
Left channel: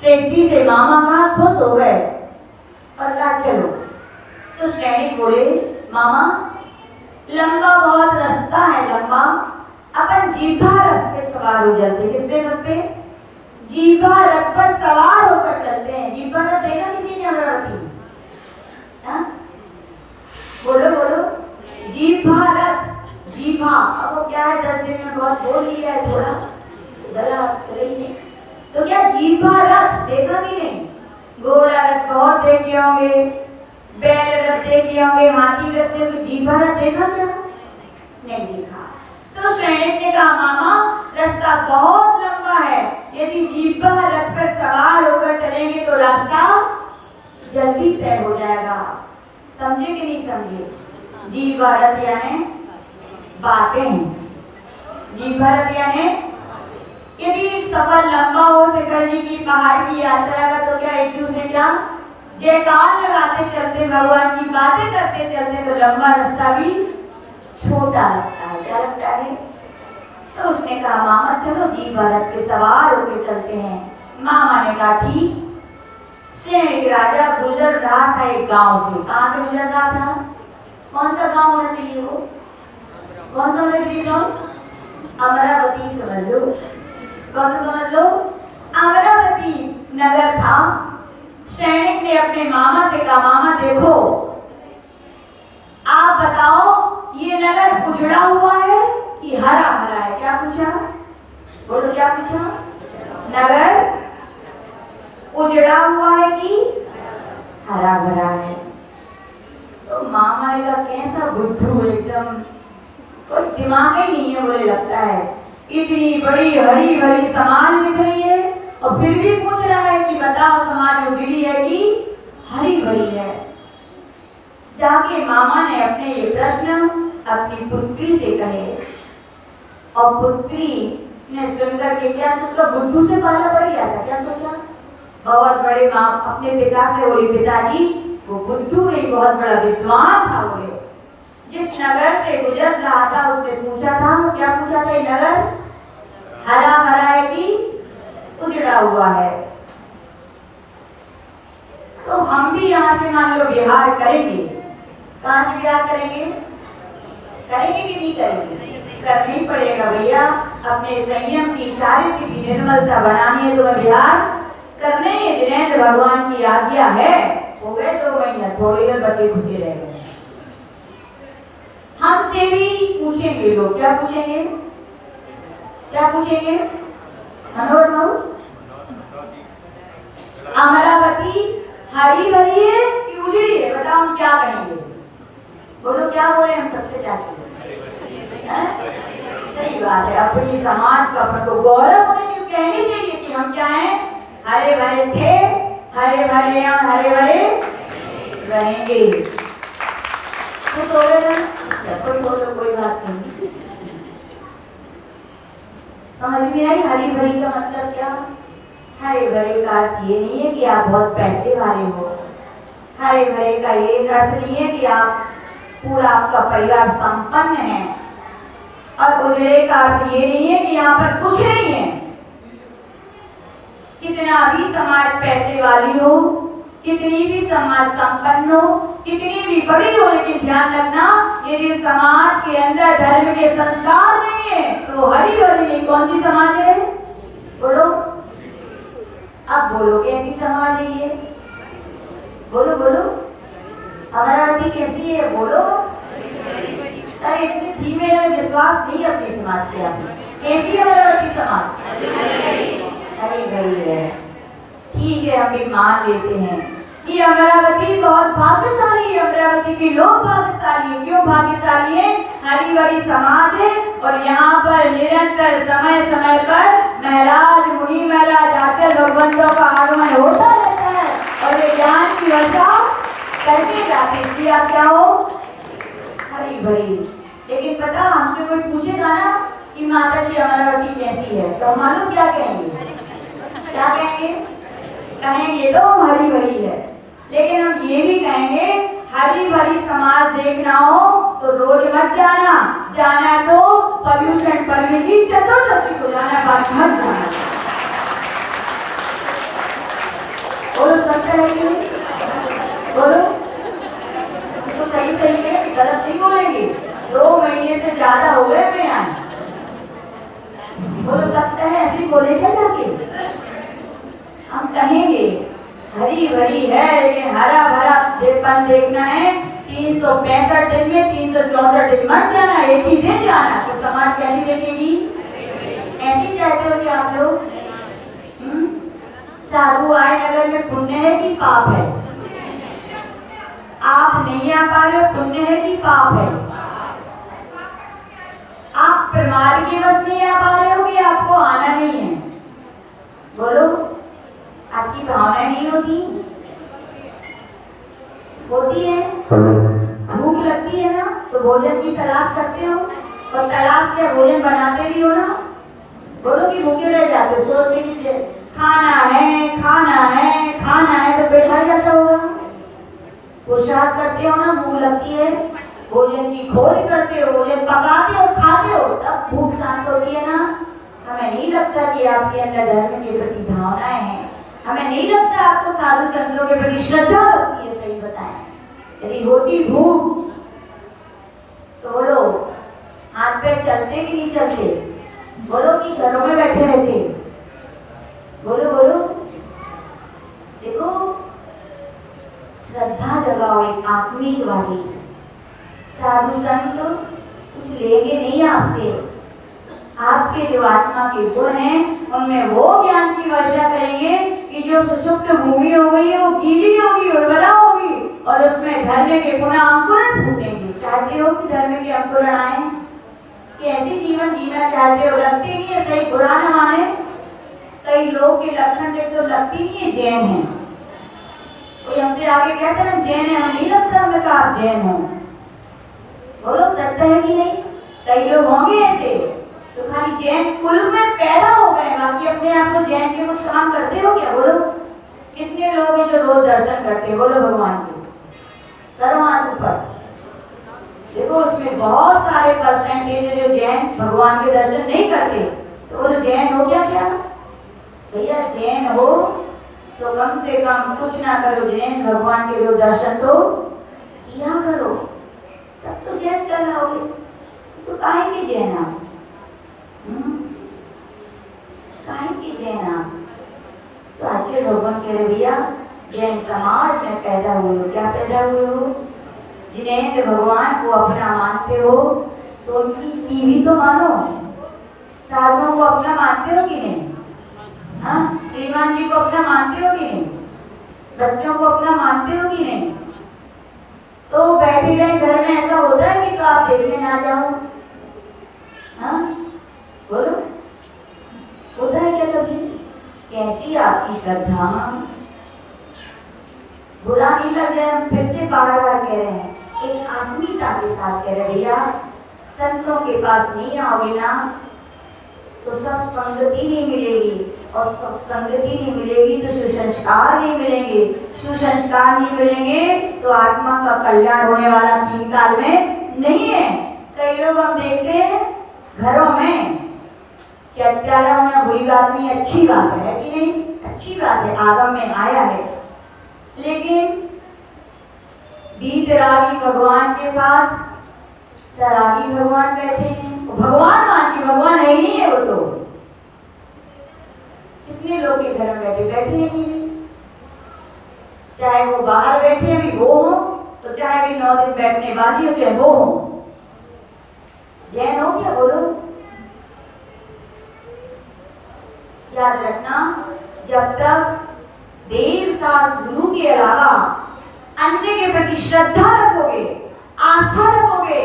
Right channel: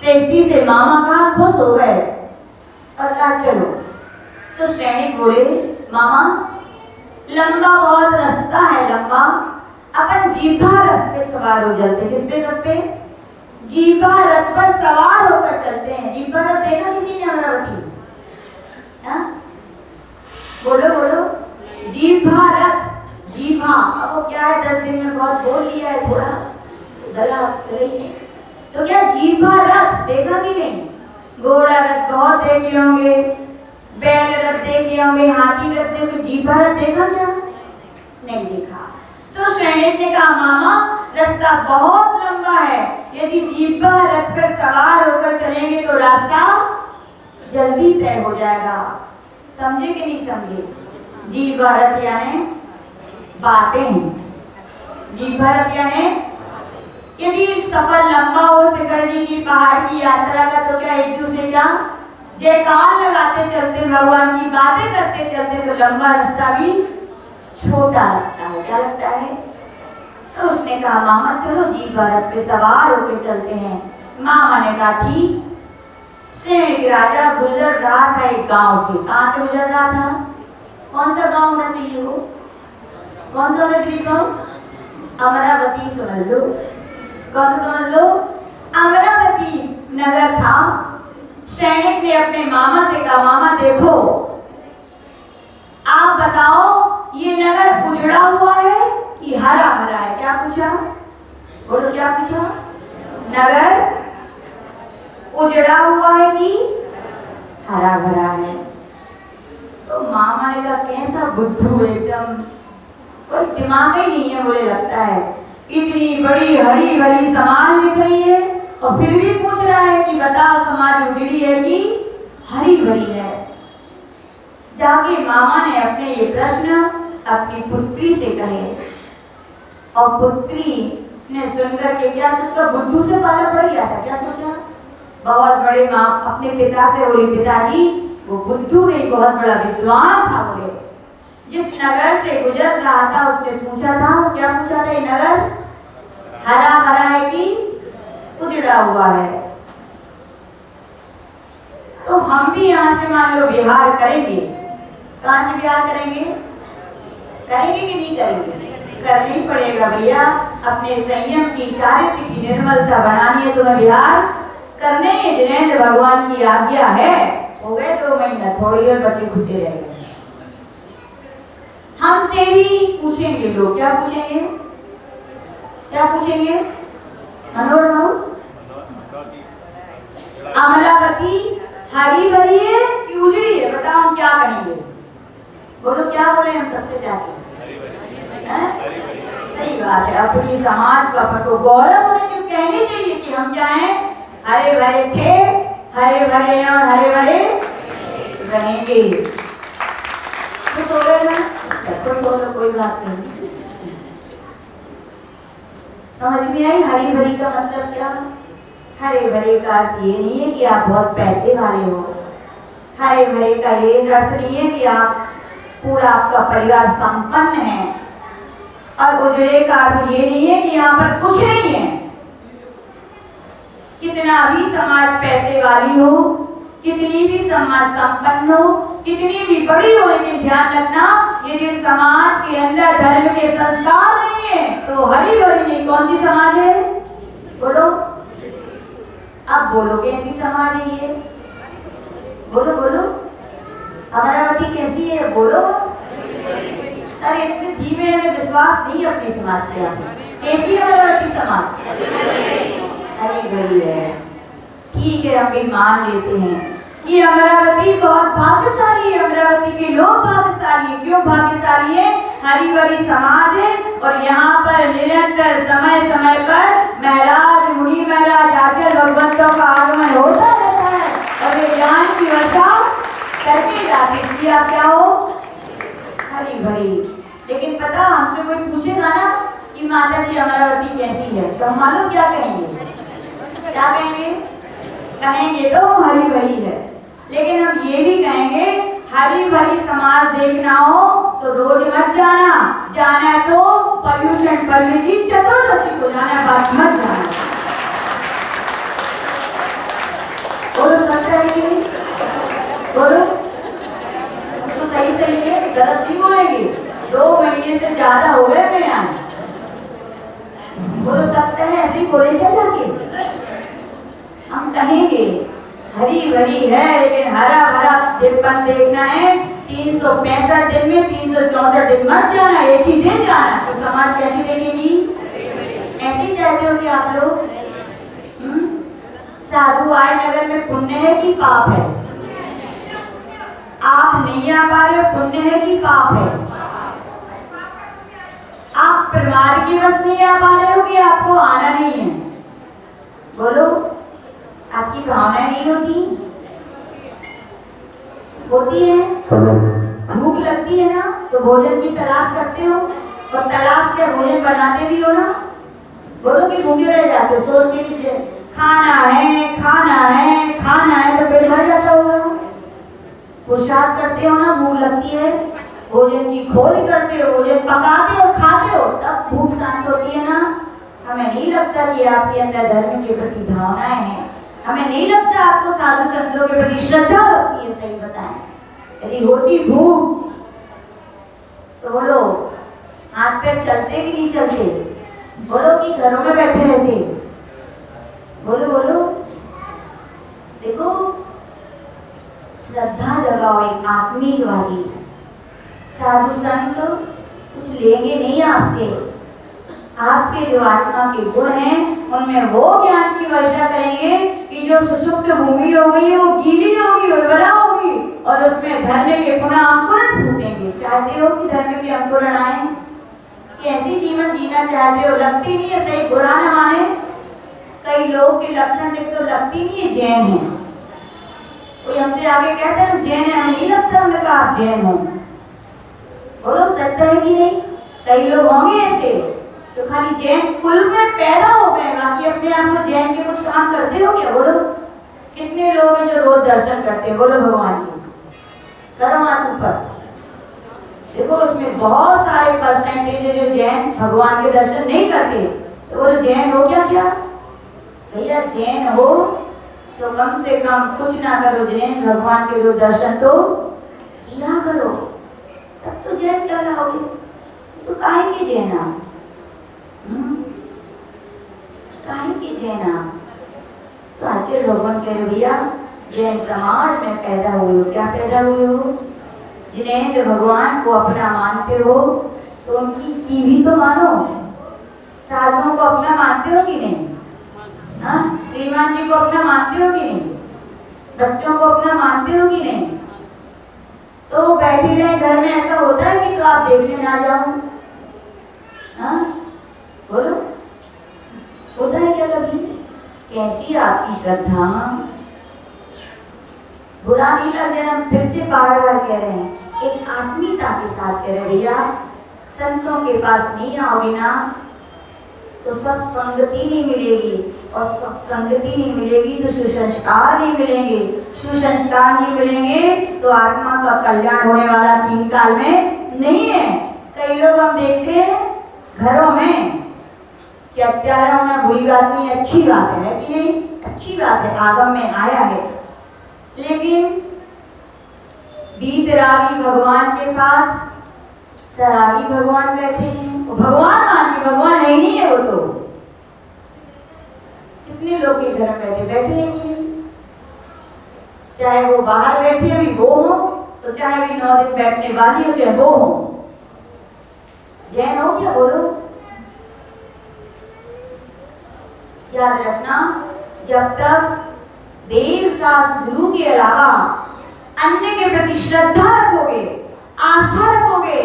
श्रेष्ठी से मामा कहा, खुश हो गए और कहा चलो। तो सैनिक बोले, मामा लंबा बहुत रास्ता है, लंबा, अपन जीभा रथ पे सवार हो जाते हैं। किस पे? रथ पे, जीभा रथ पर सवार होकर चलते हैं। जीभा रथ देखा किसी ने? अमरावती? हाँ, बोलो बोलो, जीभा रथ। जीभा, अब वो क्या है, 10 दिन में बहुत बोल लिया है, थोड़ा गला रही है। तो क्या जीभा रथ देखा कि नहीं? घोड़ा रथ बहुत देखे होंगे, बैल रथ देखे होंगे, हाथी रथ देखे, जीभा रथ देखा क्या? नहीं देखा। तो सैनिक ने कहा, मामा रास्ता बहुत लंबा है, यदि जीभा रथ पर सवार होकर चलेंगे तो रास्ता जल्दी तय हो जाएगा। समझे कि नहीं समझे? जीभा रथ यानी बातें। जीभा रथ यानी यदि सफर लंबा हो शिखर जी की पहाड़ की यात्रा का, तो क्या एक दूसरे क्या जयकार लगाते चलते, भगवान की बातें करते चलते, तो लंबा रास्ता भी छोटा लगता है। क्या लगता है? तो उसने कहा, मामा चलो जीभा रथ पे सवार होकर चलते हैं। मामा ने कहा ठीक। सैनिक राजा गुजर रहा था एक गांव से। कहां से गुजर रहा था? कौन सा गांव होना चाहिए वो? कौन सा होना चाहिए गांव? अमरावती समझ लो। कौन समझ लो? अमरावती नगर था। सैनिक ने अपने मामा से कहा, मामा देखो, आप बताओ ये नगर उजड़ा हुआ है कि हरा भरा है? क्या पूछा? बोलो, क्या पूछा? नगर उजड़ा हुआ है कि हरा भरा है? तो मामा ने कहा, कैसा बुद्धू, एकदम कोई दिमाग ही नहीं है, बोले लगता है। इतनी बड़ी हरी भरी समाज दिख रही है और फिर भी पूछ रहा है कि बताओ समाज उजड़ी है कि हरी भरी है? जाके मामा ने अपने ये प्रश्न अपनी पुत्री से कहे और पुत्री ने सुनकर के क्या सोचा? बुद्धू से पाला पड़ गया था। क्या सोचा? बहुत बड़े माँ अपने पिता से बोली, पिताजी वो बुद्धू नहीं, बहुत बड़ा विद्वान था। बोले, जिस नगर से गुजर रहा था उसने पूछा था, क्या पूछा था? ये नगर हरा भरा है कि उजड़ा हुआ है? तो हम भी यहाँ से मान लो विहार करेंगे। कहाँ से विहार करेंगे? करेंगे कि नहीं करेंगे? करना ही पड़ेगा भैया। अपने संयम की, चारित्र की निर्मलता बनानी है, तो विहार करने जिनेंद्र भगवान की आज्ञा है। हो गए 2 महीना, थोड़ी देर बचे खुचे रह गए। हमसे भी पूछेंगे लोग। क्या पूछेंगे? क्या पूछेंगे? अमरावती हरी भरी है कि उजड़ी है? बताओ, हम क्या कहेंगे? बोलो, क्या बोले? हम सबसे क्या कहेंगे? सही बात है, अपनी समाज का को गौरव होने जो कहनी चाहिए कि हम क्या हैं? हरे भरे थे, हरे भरे और हरे भरे रहेंगे। तो सो रहे ना? तो सो रहे, कोई बात नहीं। समझ में आई हरी भरी का मतलब क्या? हरे भरे का अर्थ ये नहीं है कि आप बहुत पैसे वाले हो। हरे भरे का ये अर्थ नहीं है कि आप पूरा आपका परिवार संपन्न है। और उजड़े का अर्थ ये नहीं है कि यहाँ पर कुछ नहीं है। कितना भी समाज पैसे वाली हो, कितनी भी समाज संपन्न हो, कितनी भी बड़ी हो, लेकिन ध्यान रखना, यदि उस समाज के अंदर धर्म के संस्कार नहीं है तो हरी भरी नहीं। कौन सी समाज है? बोलो, अब बोलो कैसी समाज है ये? बोलो बोलो, अमरावती कैसी है? बोलो। अरे इतने धीमे है, विश्वास नहीं अपनी समाज के आगे। कैसी है अमरावती समाज? हरी भरी है। ठीक है, हम भी मान लेते हैं कि अमरावती बहुत भाग्यशाली है, अमरावती के लोग भाग्यशाली है। क्यों भाग्यशाली है? हरी भरी समाज है और यहाँ पर निरंतर समय समय पर महाराज मुनि महाराज आचार्य भगवंतों का आगमन होता रहता है और ये ज्ञान की वर्षा करके जाते। इसलिए आप क्या हो? हरी भरी। लेकिन पता, हमसे कोई पूछेगा ना कि माता जी अमरावती कैसी है, तो हम मालूम क्या कहेंगे? क्या कहेंगे? कहेंगे तो हरी भरी है। लेकिन हम ये भी कहेंगे हरी भरी समाज देखना हो तो रोज मत जाना, जाना तो पर्यूषण पर्व की चतुर्दशी को जाना, बाकी मत जाना। बोलो सत्य है कि नहीं? बोलो तो सही सही है, गलत नहीं बोलेंगे। 2 महीने से ज्यादा हो गए मैं यहाँ। बोलो सत्य है, ऐसे ही बोले क्या जाके? हम कहेंगे हरी भरी है, लेकिन हरा भरा देवपन देखना है 365 दिन में 364 दिन मत जाना, एक ही दिन जाना। तो समाज कैसी देखेगी? ऐसी चाहते हो कि आप लोग? साधु आए नगर में पुण्य है कि पाप है? आप नहीं आ पा रहे हो, पुण्य है कि पाप है? आप प्रमाद के वश नहीं आ पा रहे हो कि आपको आना नहीं है? बोलो, आपकी भावना नहीं होती? होती है? भूख लगती है ना, तो भोजन की तलाश करते हो और तलाश के भोजन बनाते भी हो ना। बोलो कि भूखे रह जाते हो, सोचते कि खाना है खाना है खाना है, तो पेट भर जाता होगा। पुरुषार्थ करते हो ना, भूख लगती है, भोजन की खोज करते हो, भोजन पकाते हो, खाते हो, तब भूख शांत होती है ना। हमें नहीं लगता कि आपके अंदर धर्म के प्रति भावनाएं हैं, हमें नहीं लगता आपको साधु संतों के प्रति श्रद्धा होती है। सही बताएं, यदि होती भूख तो बोलो हाथ पैर चलते कि नहीं चलते? बोलो कि घरों में बैठे रहते? बोलो बोलो। देखो, श्रद्धा जगाओ एक आत्मिक वाली। साधु संत कुछ लेंगे नहीं आपसे, आपके जो आत्मा के गुण हैं उनमें वो ज्ञान की वर्षा करेंगे कि जो सुषुप्त भूमि होगी वो गीली होगी, उर्वरा होगी और उसमें धर्म के पुनः अंकुरण फूटेंगे। चाहते हो कि धर्म के अंकुरण आए? कि ऐसी जीवन जीना चाहते हो? लगती नहीं है, सही बुरा न माने, कई लोग के लक्षण देख तो लगती नहीं है जैन है। कोई हमसे आगे कहते हैं हम जैन है, हमें नहीं लगता, हमने कहा आप जैन हो। बोलो सत्य है कि नहीं? कई लोग होंगे ऐसे तो खाली जैन कुल में पैदा हो गए, बाकी अपने आप में जैन के कुछ काम करते हो क्या? बोलो, कितने लोग हैं जो रोज दर्शन करते हैं? बोलो भगवान के, करो हाथ ऊपर। देखो उसमें बहुत सारे परसेंटेज है जो जैन भगवान के दर्शन नहीं करते। तो बोलो जैन हो क्या? क्या भैया, जैन हो तो कम से कम कुछ ना करो, जैन भगवान के जो दर्शन तो किया करो, तब तो जैन कहलाओगे। तो काहे के जैन आप? काहे के जैन आप? तो आचार्य भगवान कह रहे भैया, जैन समाज में पैदा हुए हो। क्या पैदा हुए हो? जिन्हें तो भगवान को अपना मानते हो तो उनकी की भी तो मानो। साधुओं को अपना मानते हो कि नहीं? हाँ, श्रीमान जी को अपना मानते हो कि नहीं? बच्चों को अपना मानते हो कि नहीं? तो बैठे रहे घर में, ऐसा होता है कि तो आप देखने ना जाओ? हाँ बोलो, होता है क्या कभी? कैसी आपकी श्रद्धा? बुरा नहीं लग रहा, हम फिर से बार बार कह रहे हैं, एक आत्मीयता के साथ कह रहे भैया, संतों के पास नहीं आओगे ना तो सत्संगति नहीं मिलेगी, और सत्संगति नहीं मिलेगी तो सुसंस्कार नहीं मिलेंगे, सुसंस्कार नहीं मिलेंगे तो आत्मा का कल्याण होने वाला 3 काल में नहीं है। कई लोग हम देखते हैं घरों में चैत्यालय होना बुरी बात नहीं, अच्छी बात है कि नहीं? अच्छी बात है, आगम में आया है। लेकिन बीतरागी भगवान के साथ सरागी भगवान बैठे हैं, भगवान मान के, भगवान है ही नहीं है वो तो। कितने लोग के घर में बैठे बैठे हैं कि नहीं? चाहे वो बाहर बैठे भी वो हो, तो चाहे भी 9 दिन बैठने वाली हो चाहे वो हो। जैन हो क्या बोलो? याद रखना, जब तक देव शास्त्र गुरु के अलावा अन्य के प्रति श्रद्धा रखोगे, आस्था रखोगे,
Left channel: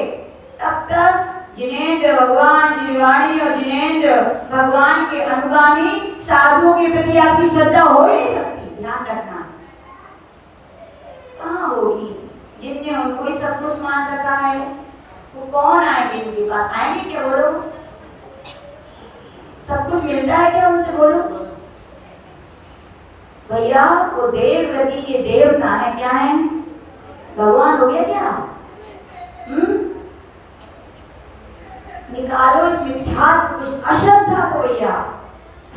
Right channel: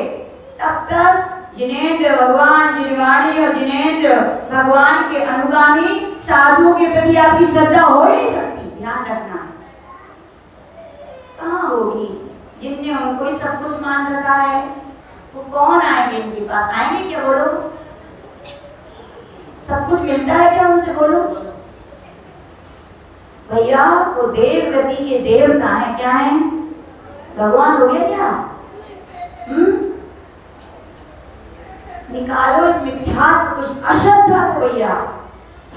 तब तक जिनेंद्र भगवान जिनवाणी और जिनेंद्र भगवान के अनुगामी साधुओं के प्रति आपकी श्रद्धा हो ही नहीं सकती। ध्यान रखना, कहाँ होगी? जिनने उनको ही सब कुछ मान रखा है वो कौन आएंगे इनके पास? आएंगे क्या बोलो? सब कुछ मिलता है क्या उनसे? बोलो भैया, वो देव गति के देवता है। क्या है? भगवान हो गया क्या? निकालो इस मिथ्यात्व कुछ अश्रद्धा को भैया।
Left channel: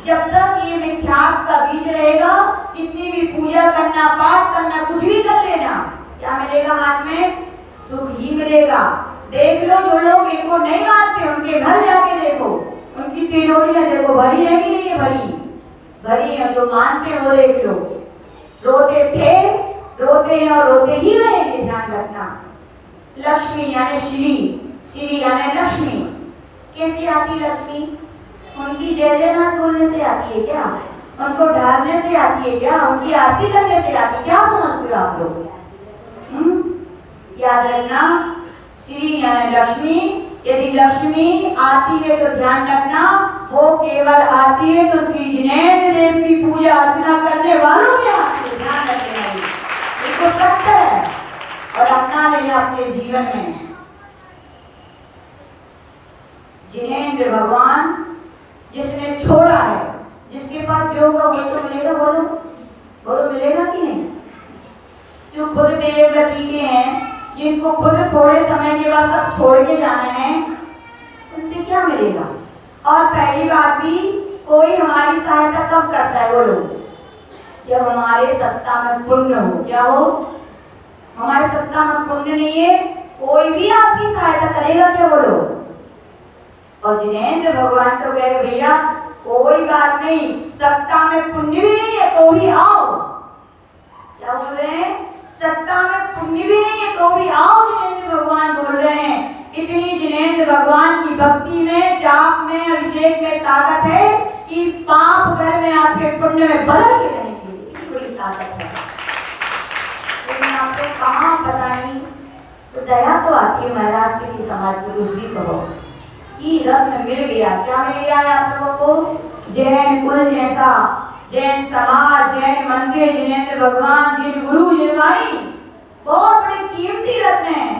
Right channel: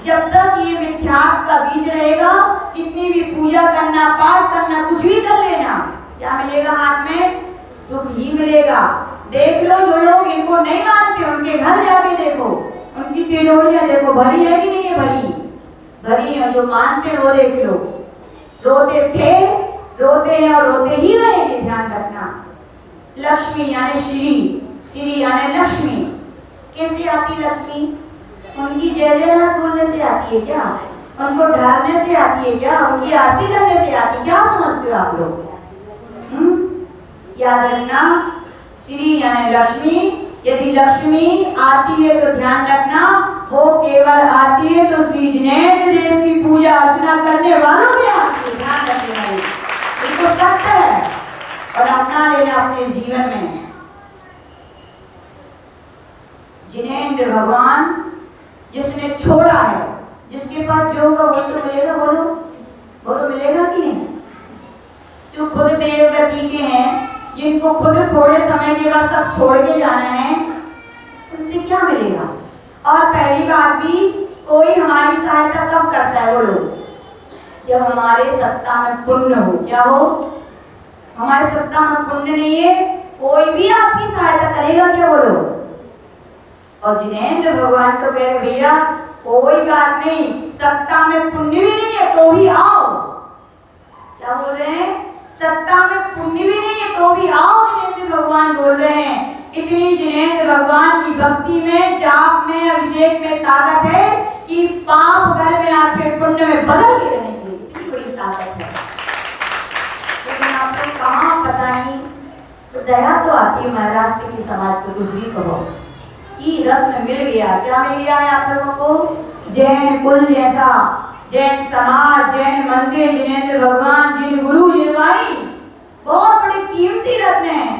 जब तक ये मिथ्यात्व का बीज रहेगा, कितनी भी पूजा करना, पाठ करना, कुछ भी कर लेना, क्या मिलेगा हाथ में? दुख ही मिलेगा। देख लो, जो लोग इनको नहीं मानते उनके घर जाके देखो, उनकी तिजोरियां देखो भरी है कि नहीं भरी? भरी है। जो मानते वो देख लो, रोते थे, रोते हैं और रोते ही रहेंगे। ध्यान रखना, लक्ष्मी यानी श्री, श्री यानी लक्ष्मी। कैसे आती लक्ष्मी? उनकी जय जयरात बोलने से आती है क्या? उनको ढालने से आती है क्या? उनकी आरती करने से आती है क्या? समझते हो आप लोग? याद रखना, श्री यानी लक्ष्मी। यदि लक्ष्मी आती है तो ध्यान रखना, वो केवल आती है तो श्री जिनेंद्र देव की पूजा अर्चना करने वालों में आती है। ध्यान रखना, ये तो सत्य है और अपना लेना अपने जीवन में। जिनेंद्र भगवान जिसने छोड़ा है, जिसके पास जो होगा वो तो मिलेगा। बोलो बोलो, मिलेगा कि नहीं? जो खुद देव गति के हैं, जिनको खुद थोड़े समय के बाद सब छोड़ के जाना है, उनसे क्या मिलेगा? और पहली बात भी, कोई हमारी सहायता कब करता है? बोलो, जब हमारे सत्ता में पुण्य हो। क्या हो? हमारे सत्ता में पुण्य नहीं है, कोई भी आपकी सहायता करेगा क्या? बोलो। और जिनेंद्र भगवान तो कह रहे भैया कोई बात नहीं, सत्ता में पुण्य भी नहीं है तो भी आओ। क्या बोल रहे हैं? सत्ता में पुण्य भी नहीं है तो भी आओ, जिनेंद्र भगवान बोल रहे हैं। इतनी जिनेंद्र भगवान की भक्ति में, जाप में, अभिषेक में ताकत है कि पाप घर में आपके पुण्य में बदल के रहेंगे। इतनी बड़ी ताकत है। लेकिन आपको कहाँ पता नहीं, तो दया तो आती है महाराष्ट्र की समाज को, कुछ भी कहो कि रत्न मिल गया। क्या मिल गया है आप लोगों को? जैन कुल जैसा, जैन समाज, जैन मंदिर, जिनेंद्र भगवान, जिन गुरु, जिनवाणी, बहुत बड़ी कीमती रत्न है।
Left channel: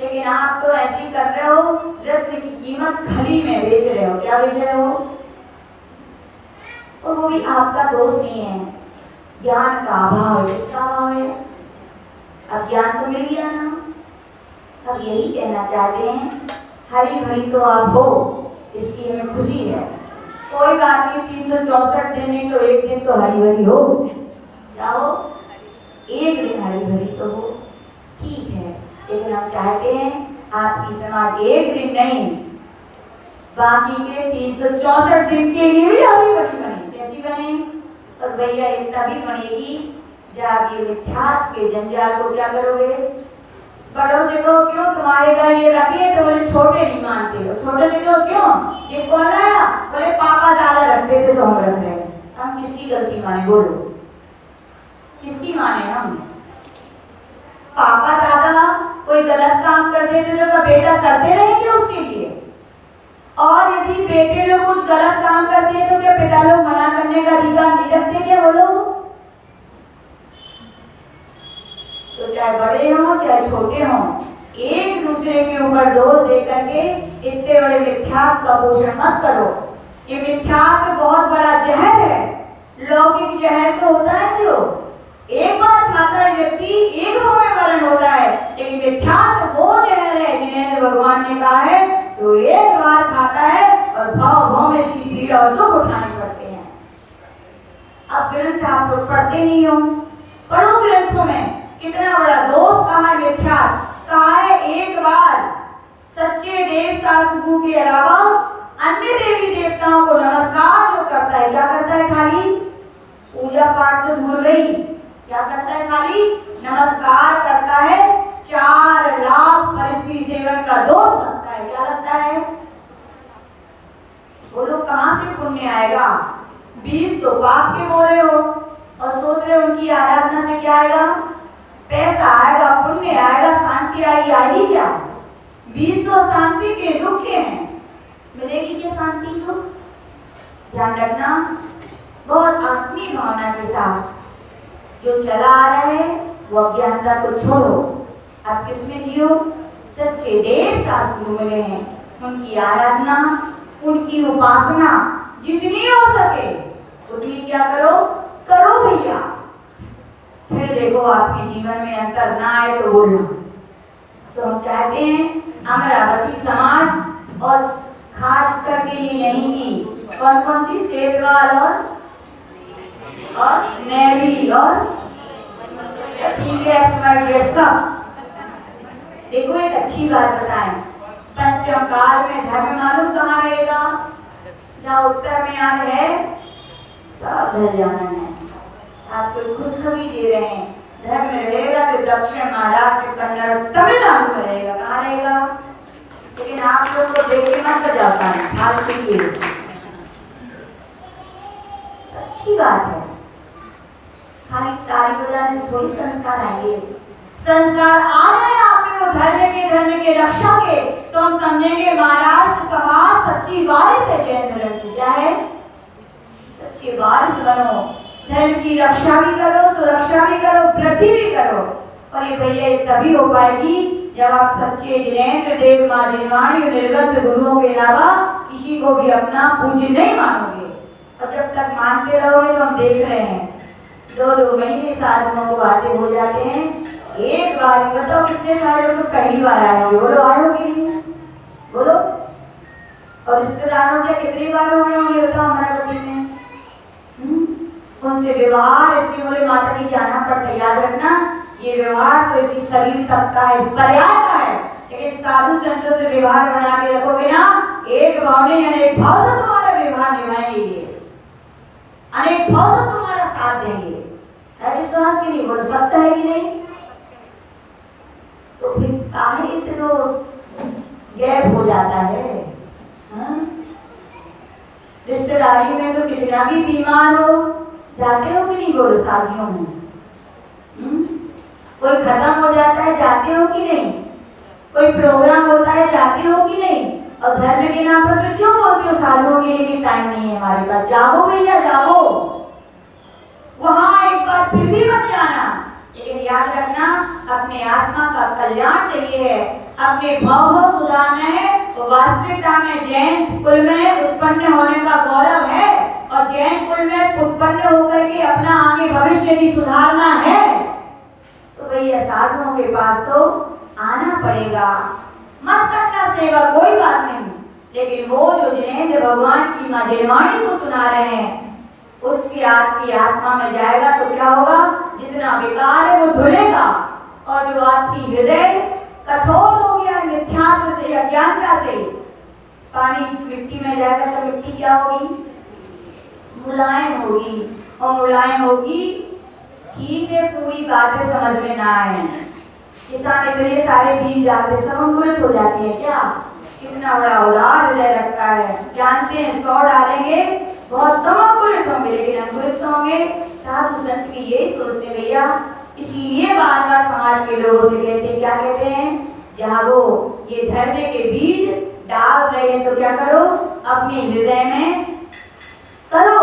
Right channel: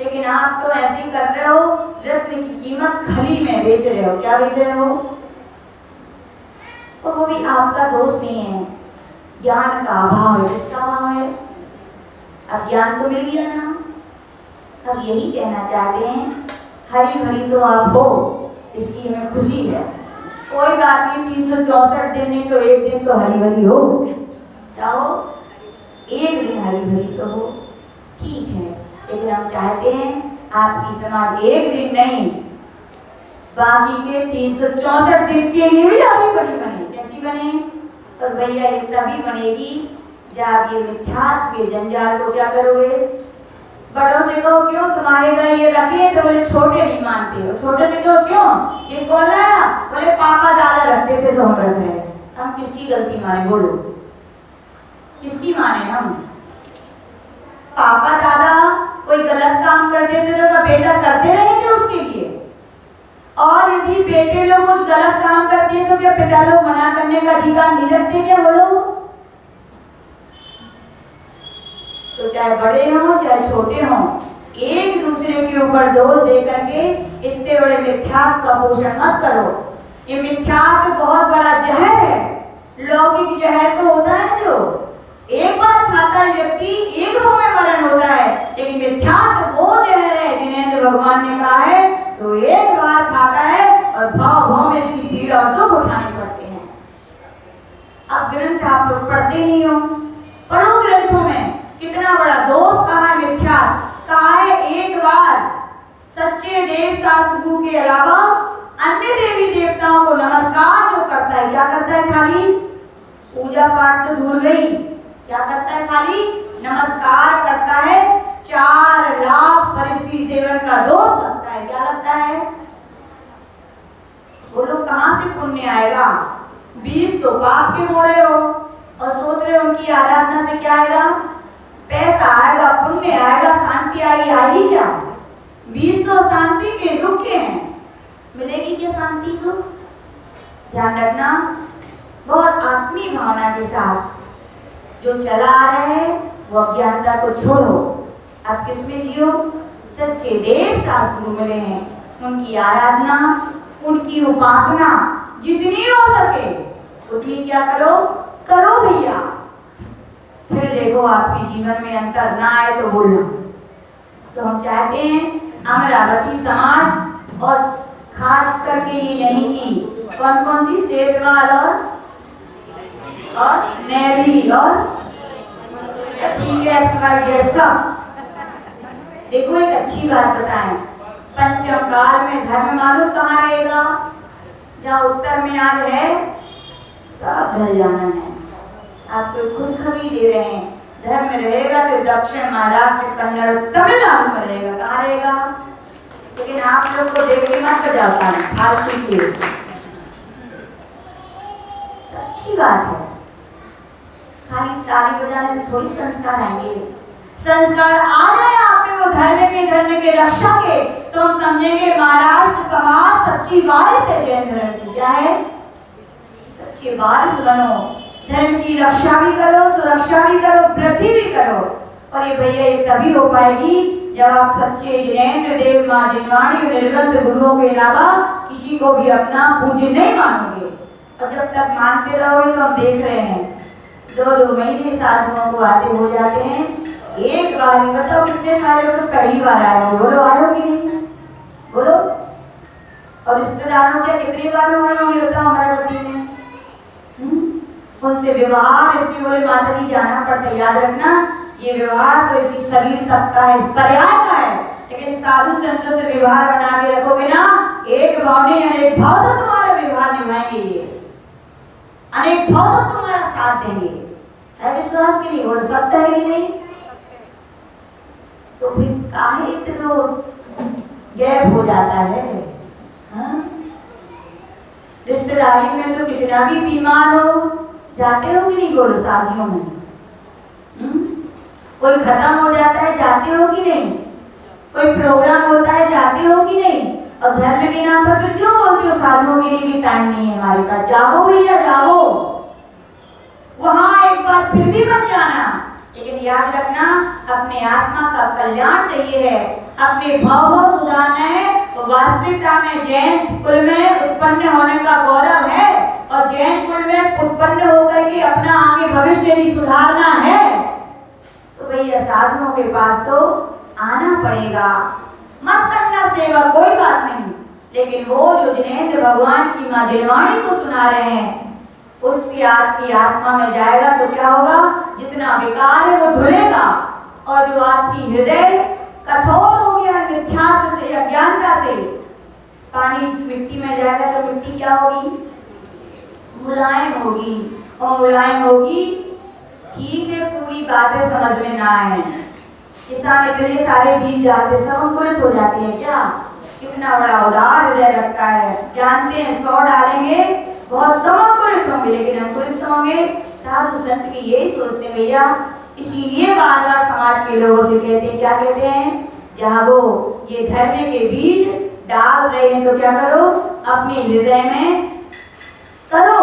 लेकिन आप तो ऐसी कर रहे हो, रत्न की कीमत खली में बेच रहे हो। क्या बेच रहे हो? और वो भी आपका दोष नहीं है, ज्ञान का अभाव है। किसका अभाव है? अब ज्ञान तो मिल गया ना। अब यही कहना चाहते हैं, हरी भरी तो आप हो, इसकी हमें खुशी है। कोई बात नहीं, 364 दिन नहीं तो एक दिन तो हरी भरी हो। क्या हो? एक दिन हरी भरी तो हो, ठीक है। लेकिन हम चाहते हैं आपकी समाज एक दिन नहीं, बाकी के 364 दिन के लिए भी हरी भरी बने। कैसी बने? पर भैया ये तभी बनेगी जब आप ये मिथ्यात्व के जंजाल को क्या करोगे? बड़ों से कहो क्यों तुम्हारे घर ये रखे, तो बोले छोटे नहीं मानते हो। छोटे से कहो क्यों, ये कौन लाया? बोले पापा दादा रखते थे तो हम रख रहे हैं। हम किसकी गलती माने? बोलो, किसकी माने हम? पापा दादा कोई गलत काम करते थे तो बेटा करते रहेंगे उसके लिए? और यदि बेटे लोग कुछ गलत काम करते हैं तो क्या पिता लोग मना करने का अधिकार नहीं रखते क्या? बोलो। तो चाहे बड़े हों चाहे छोटे हों, एक दूसरे के ऊपर दोष दे करके इतने बड़े मिथ्यात्व का पोषण मत करो। ये मिथ्यात्व बहुत बड़ा जहर है। लौकिक जहर तो होता है जो एक बार खाता है व्यक्ति, एक भाव में मरण होता है, लेकिन मिथ्यात्व वो जहर है जिनेंद्र भगवान ने कहा है तो एक बार खाता है और भाव भाव में इसकी पीड़ा और दुख उठाने पड़ते हैं। अब ग्रंथ आप लोग पढ़ते नहीं हो, पढ़ो ग्रंथों में कितना बड़ा दोष कहा है मिथ्यात्व। कहा है एक बार सच्चे देव शास्त्र के अलावा अन्य देवी देवताओं को नमस्कार जो करता है, क्या करता है? खाली बीज तो शांति के, दुख के हैं। मिलेगी क्या शांति को? ध्यान रखना, बहुत आत्मीय भावना के साथ जो चला आ रहा है वो अज्ञानता को छोड़ो। आप किसमें जियो? सच्चे देव शास्त्र मिले हैं, उनकी आराधना, उनकी उपासना जितनी हो सके उतनी क्या करो, करो भैया। फिर देखो आपके जीवन में अंतर ना आए तो बोलना। तो हम चाहते हैं अमरावती समाज और खास करके ये नहीं की कौन कौन सी सेतवाल और नेवी और ठीक है XYZ सब। देखो एक अच्छी बात बताएं, पंचम काल में धर्म मालूम कहाँ रहेगा? जहाँ उत्तर में आज है सब ढल जाना है। आपको खुशखबरी दे रहे हैं, धर्म रहेगा तो दक्षिण, महाराष्ट्र, कन्नड़, तमिलनाडु में रहेगा। कहाँ रहेगा? लेकिन आप लोग को देख के मत जाता है फालतू की। अच्छी बात है, खाली ताली बजाने से थोड़ी संस्कार आएंगे। संस्कार आ जाए आप में वो धर्म के रक्षा के, तो हम समझेंगे महाराष्ट्र समाज सच्ची बारिश है। जयेंद्र की क्या है? सच्ची बारिश बनो, धर्म की रक्षा भी करो, सुरक्षा भी करो, वृद्धि भी करो। और ये भैया ये तभी हो पाएगी जब आप सच्चे जिनेंद्र देव माँ जिनवाणी निर्गत गुरुओं के अलावा किसी को भी अपना पूज्य नहीं मानोगे। और जब तक मानते रहोगे तो हम देख रहे हैं 2-2 महीने साधुओं को आते हो जाते हैं। एक बार ही बताओ कितने सारे लोग पहली बार आए होंगे? बोलो आए हो कि नहीं? बोलो। और रिश्तेदारों के कितनी बार हो रहे होंगे बताओ अमरावती में? उनसे व्यवहार इसलिए बोले माता जी जाना पड़ता है। याद रखना, ये व्यवहार तो इसी शरीर तक का है, इस पर्याय का है। लेकिन साधु संतों से व्यवहार बना के रखोगे ना, एक भाव नहीं अनेक भाव से तुम्हारा व्यवहार निभाएंगे, ये अनेक भाव से तुम्हारा साथ देंगे। है विश्वास कि नहीं? बोल सकता है कि नहीं? तो फिर काहे इतना गैप हो जाता है? रिश्तेदारी में तो कितना भी बीमार हो जाते हो कि नहीं? बोलो शादियों में कोई खत्म हो जाता है जाते हो कि नहीं? कोई प्रोग्राम होता है जाते हो कि नहीं? और धर्म के नाम पर फिर क्यों बोलते हो साधुओं के लिए टाइम नहीं है हमारे पास? जाओ भैया जाओ, वहां एक बार फिर भी मत जाना। लेकिन याद रखना, अपने आत्मा का कल्याण चाहिए है, अपने भाव सुधारना है। तो वास्तविकता में जैन कुल में उत्पन्न होने का गौरव है, और जैन कुल में उत्पन्न होकर के अपना आगे भविष्य भी सुधारना है। तो भैया साधुओं के पास तो आना पड़ेगा। मत करना सेवा कोई बात नहीं, लेकिन वो जो जिनेंद्र भगवान की माँ जिनवाणी को सुना रहे हैं उससे आपकी आत्मा में जाएगा तो क्या होगा? जितना विकार है वो धुलेगा। और जो आपकी हृदय कठोर हो गया है मिथ्यात्व से, अज्ञानता से, पानी मिट्टी में जाएगा तो मिट्टी क्या होगी? मुलायम होगी। और मुलायम होगी, ठीक है, पूरी बातें समझ में ना आए, किसान इतने सारे बीज डालते सब अंकुरित हो जाती है क्या? कितना बड़ा उदार हृदय रखता है। जानते हैं 100 डालेंगे बहुत कम अंकुरित होंगे, लेकिन अंकुरित होंगे। साधु संत भी यही सोचते भैया, इसीलिए बार बार समाज के लोगों से कहते हैं, क्या कहते हैं? जागो, ये धर्म के बीज डाल रहे हैं तो क्या करो? अपने हृदय में करो,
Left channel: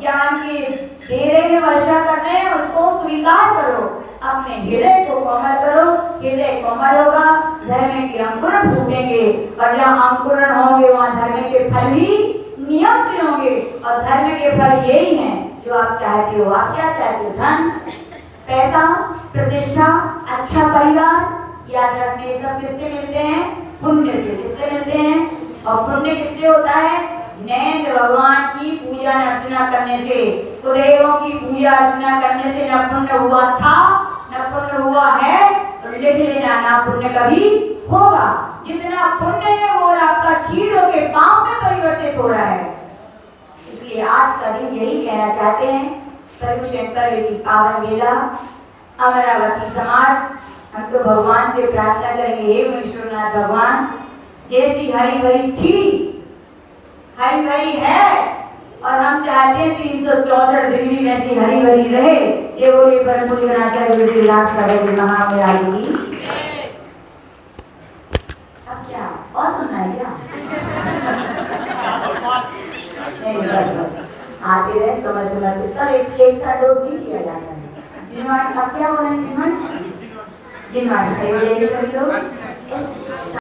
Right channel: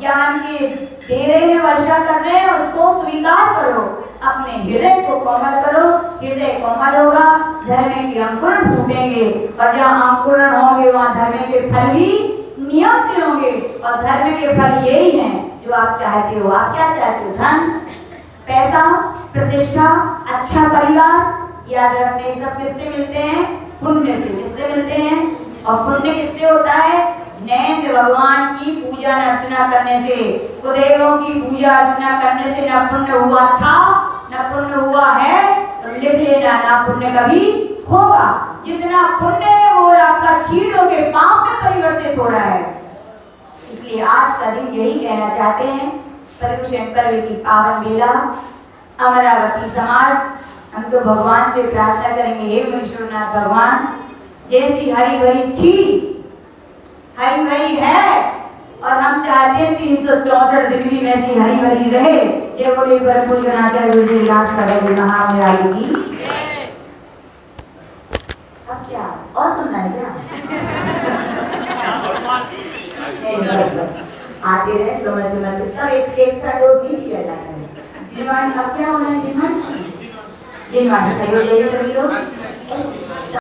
ज्ञान के दे रहे हैं, वर्षा कर रहे हैं, उसको स्वीकार करो, अपने हृदय को कोमल करो। हृदय कोमल होगा, धर्म के अंकुरण फूटेंगे, और जहाँ अंकुरण होंगे वहाँ धर्म के फल भी नियम से होंगे। और धर्म के फल यही हैं जो आप चाहते हो। आप क्या चाहते हो? धन, पैसा, प्रतिष्ठा, अच्छा परिवार। याद रखने सब किससे मिलते हैं? पुण्य से। किससे मिलते हैं? और पुण्य किससे होता है? जिनेंद्र भगवान की पूजा अर्चना करने से, कुदेवों की पूजा अर्चना करने से न पुण्य हुआ था न पुण्य हुआ है, तो लिख लेना, ना पुण्य कभी होगा। जितना पुण्य है वो आपका चीरों के पाप में परिवर्तित हो रहा है। इसलिए आज का दिन यही कहना चाहते हैं, पर्युषण पर्व की पावन बेला अमरावती समाज, हम तो भगवान से प्रार्थना करेंगे, हे मुनीश्वरनाथ भगवान, जैसी हरी भरी थी हरी भरी है, और हम चाहते हैं 364 दिन भी वैसी हरी भरी रहे। ये बोले परम पूज्य बनाकर गुजरी लाख सागर महाराज की। और सुनना है क्या? नहीं बस आते रहे समझ के सब एक साथ डोज नहीं किया जाता है। जिनवाड़ अब क्या हो रहे हैं? जिनवाड़ खड़े हो जाइए सभी लोग।